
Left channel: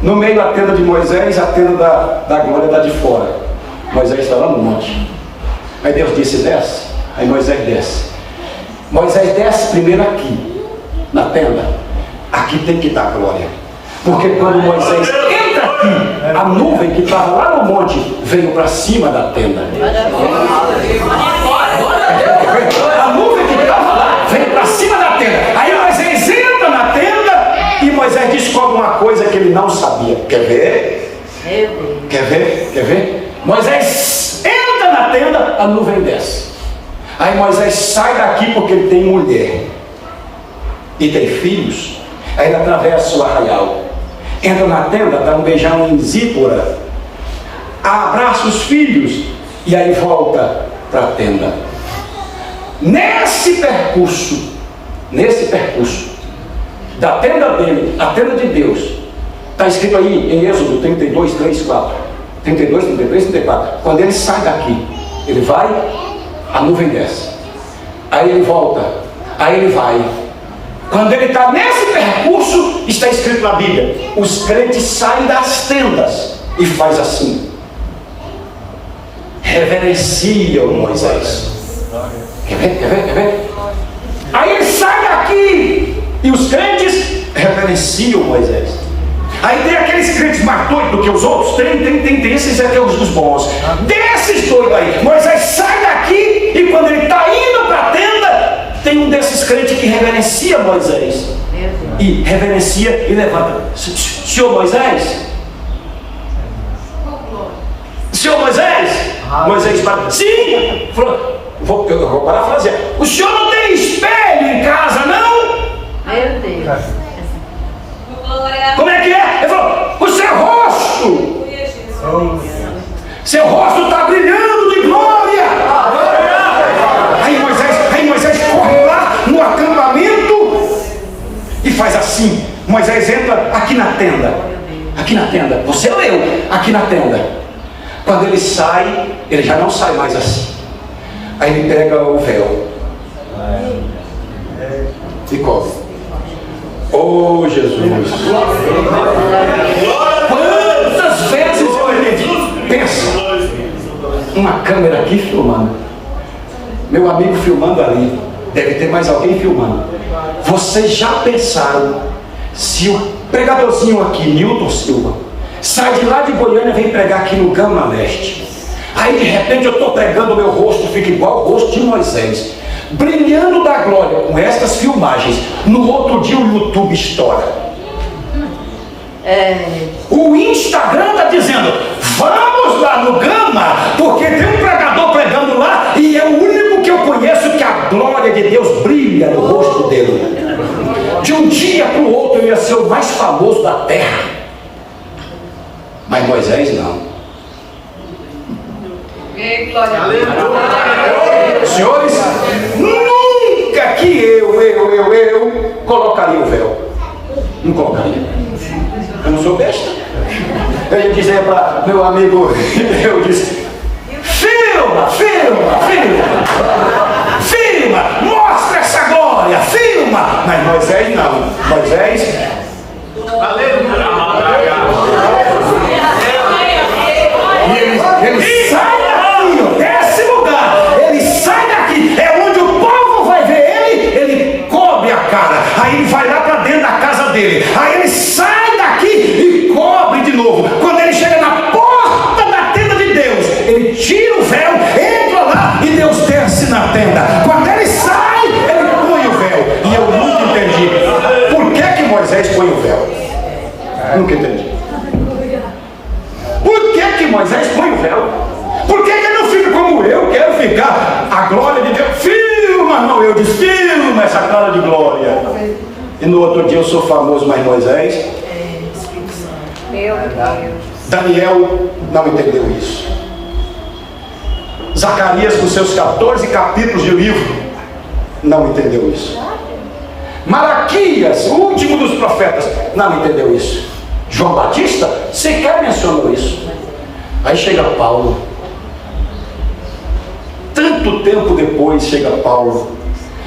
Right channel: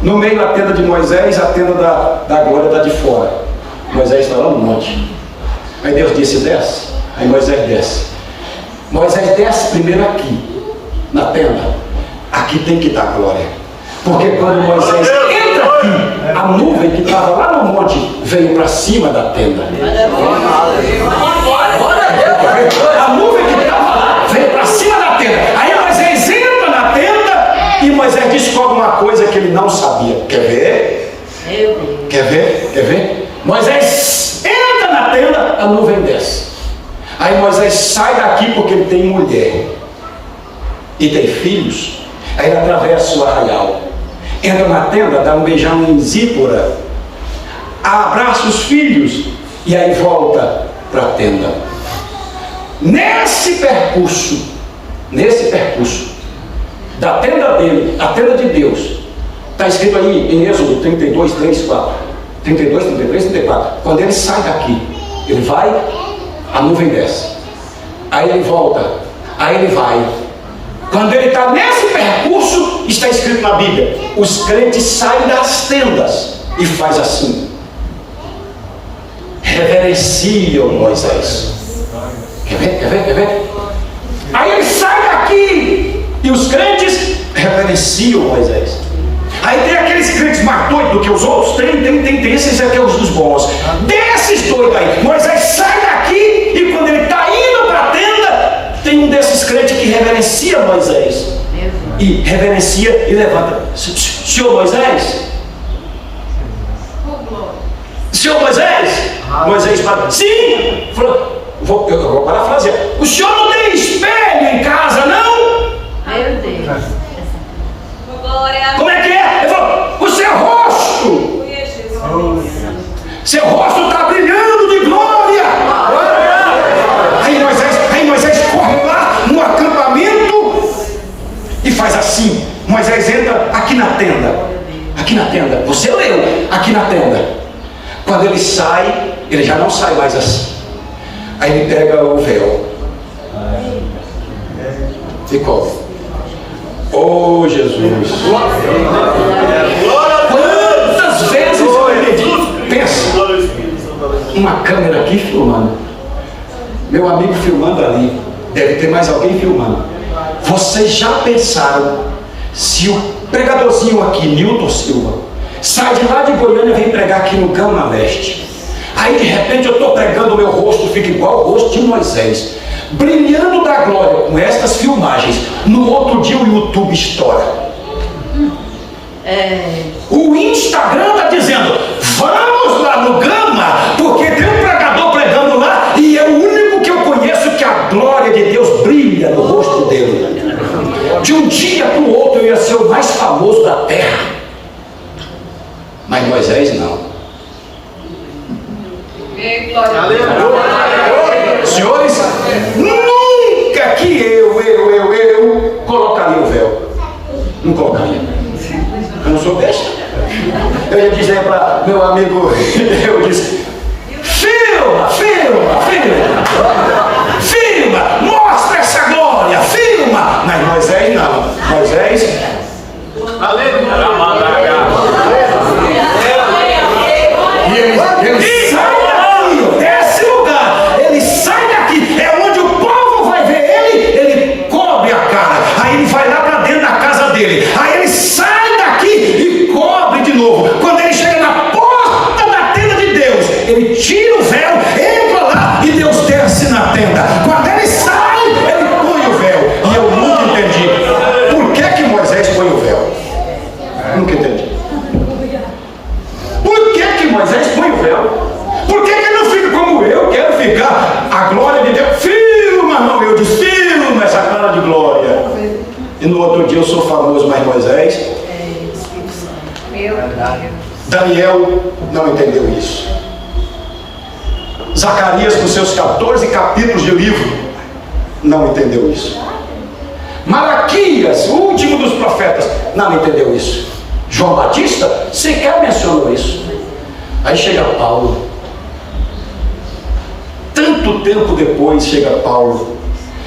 No meio a tenda de Moisés, a tenda da glória está de fora. Moisés está lá no monte. Aí Deus disse, desce. Aí Moisés desce. Moisés desce primeiro aqui, na tenda. Aqui tem que dar glória. Porque quando Moisés entra aqui, a nuvem que estava lá no monte veio para cima da tenda. A nuvem que estava lá veio para cima da tenda. E Moisés descobre uma coisa que ele não sabia. Quer ver? Quer ver? Quer ver? Moisés entra na tenda, a nuvem desce. Aí Moisés sai daqui porque ele tem mulher e tem filhos. Aí ele atravessa o arraial, entra na tenda, dá um beijão em Zípora, abraça os filhos e aí volta para a tenda. Nesse percurso da tenda dele, a tenda de Deus, está escrito aí em Êxodo 32, 3, 4, 32, 33, 34. Quando ele sai daqui, ele vai, a nuvem desce, aí ele volta, aí ele vai. Quando ele está nesse percurso, está escrito na Bíblia, os crentes saem das tendas e faz assim, reverenciam Moisés. Quer ver? Quer ver? Quer ver? Aí ele sai daqui e os crentes reverenciam Moisés. Aí tem aqueles crentes mais doidos do que os outros. Tem esses aqui, os dos bons. Desses doidos aí, Moisés sai daqui e quando ele está indo para a tenda, tem um desses crentes que reverencia Moisés. E reverencia e levanta. Senhor Moisés? Senhor Moisés? Moisés fala, sim! Eu vou parafrasear. O senhor não tem espelho em casa, não? Meu Deus. Como é que é? Ele falou, o seu rosto! Seu rosto está brilhando de glória! Aí Moisés corre lá no acampamento e faz assim. Moisés entra aqui na tenda. Aqui na tenda. Você leu? Aqui na tenda. Quando ele sai, ele já não sai mais assim. Aí ele pega o véu e cobre. Oh Jesus! Quantas vezes eu acredito? Pensa, uma câmera aqui filmando, meu amigo filmando ali, deve ter mais alguém filmando. Vocês já pensaram se o pregadorzinho aqui, Nilton Silva, sai de lá de Goiânia e vem pregar aqui no Gama Leste? Aí de repente eu estou pregando, o meu rosto fica igual o rosto de Moisés, brilhando da glória, com estas filmagens. No outro dia o YouTube estoura. O Instagram está dizendo, vamos lá no Gama, porque tem um pregador pregando lá, e é o único que eu conheço que a glória de Deus brilha no rosto dele. De um dia para o outro eu ia ser o mais famoso da terra. Mas Moisés não. Senhores, nunca que eu colocaria o véu. Não colocaria. Eu não sou besta. Eu ia dizer para meu amigo, eu disse, filma, mostra essa glória, filma. Mas Moisés não. Moisés, e ele sai desse lugar, ele sai daqui, é onde o povo vai ver ele cobre a cara, aí ele vai lá para dentro da casa dele, aí ele sai daqui e cobre de novo. Quando ele chega na porta da tenda de Deus, ele tira o véu, entra lá e Deus desce na tenda. Quando ele sai, ele põe o véu. E eu nunca entendi por que Moisés põe o véu. Nunca entendi. Por que Moisés põe o véu? Por que ele não fica como eu quero ficar? A glória de Deus, filma, não, eu disse, filma essa cara de glória. E no outro dia eu sou famoso, mas Moisés, Daniel não entendeu isso. Zacarias, com seus 14 capítulos de livro, não entendeu isso. Malaquias, o último dos profetas, não entendeu isso. João Batista sequer mencionou isso. Aí chega Paulo, tanto tempo depois chega Paulo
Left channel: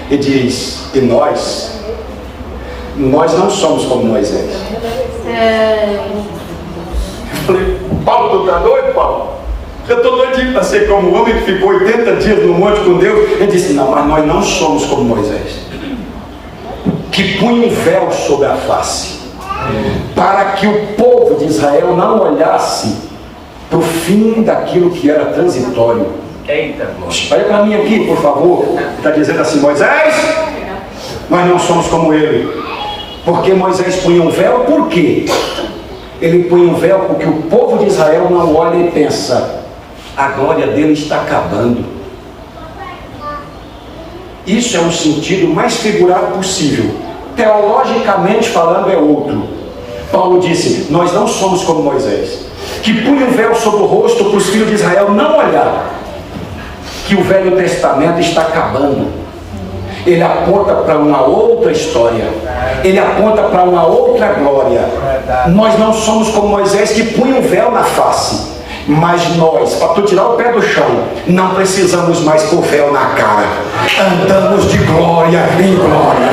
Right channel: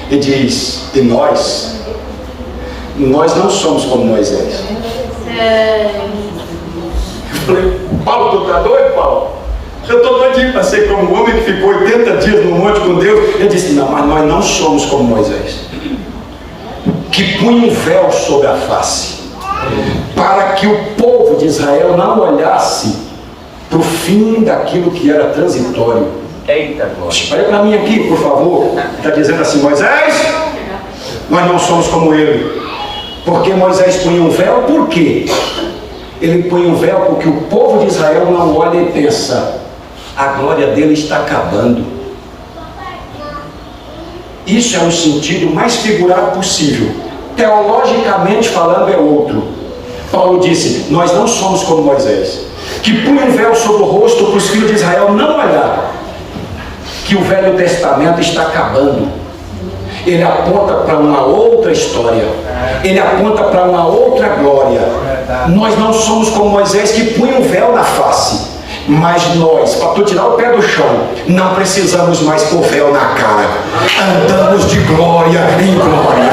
e diz, e nós não somos como Moisés. Eu falei, Paulo, tu tá doido, Paulo? Eu estou doidinho para ser como o homem que ficou 80 dias no monte com Deus. Ele disse, não, mas nós não somos como Moisés, que punha um véu sobre a face, para que o povo de Israel não olhasse para o fim daquilo que era transitório. Eita, glória. Olha para mim aqui, por favor. Está dizendo assim, Moisés, nós não somos como ele. Porque Moisés punha um véu, por quê? Ele punha um véu porque o povo de Israel não olha e pensa: a glória dele está acabando. Isso é um sentido mais figurado possível. Teologicamente falando é outro. Paulo disse: nós não somos como Moisés, que punha um véu sobre o rosto para os filhos de Israel não olhar, que o Velho Testamento está acabando. Ele aponta para uma outra história, ele aponta para uma outra glória. Nós não somos como Moisés, que punha um véu na face, mas nós, para tu tirar o pé do chão, não precisamos mais pôr véu na cara. Andamos de glória em glória.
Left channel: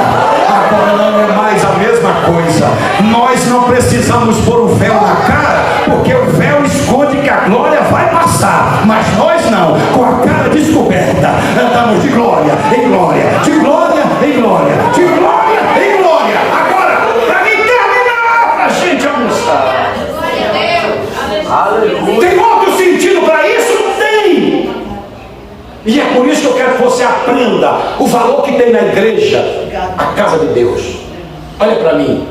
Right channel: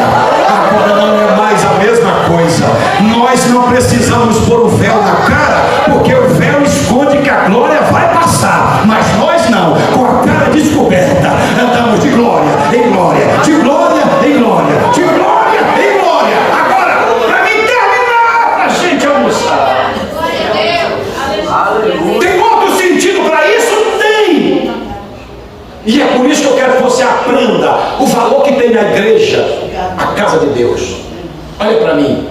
Agora não é mais a mesma coisa. Nós não precisamos pôr o véu na cara, porque o véu esconde que a glória vai passar, mas nós não, com a cara descoberta, andamos de glória em glória, de glória em glória, de glória em glória. Agora, para mim terminar, para a gente almoçar. Tem outro sentido para isso? Tem! E é por isso que eu quero que você aprenda o valor que tem na igreja, a casa de Deus. Olha para mim.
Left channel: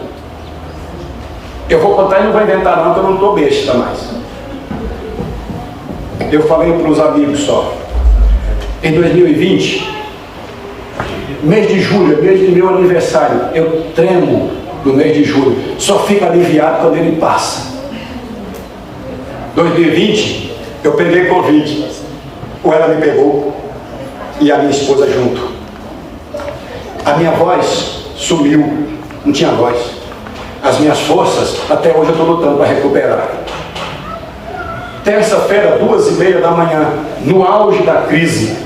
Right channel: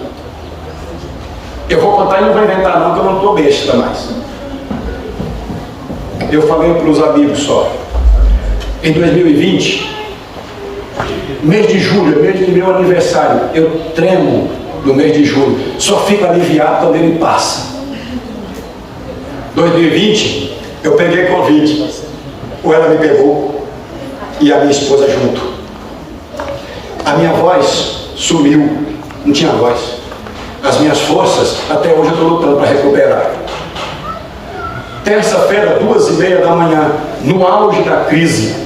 Eu vou contar e não vai inventar não, porque eu não estou besta mais. Eu falei para os amigos só. Em 2020, mês de julho, mês de meu aniversário, eu tremo no mês de julho. Só fico aliviado quando ele passa. 2020, eu peguei Covid. Ou ela me pegou e a minha esposa junto. A minha voz sumiu, não tinha voz. As minhas forças, até hoje eu estou lutando para recuperar. Terça-feira, 2h30 da manhã, no auge da crise,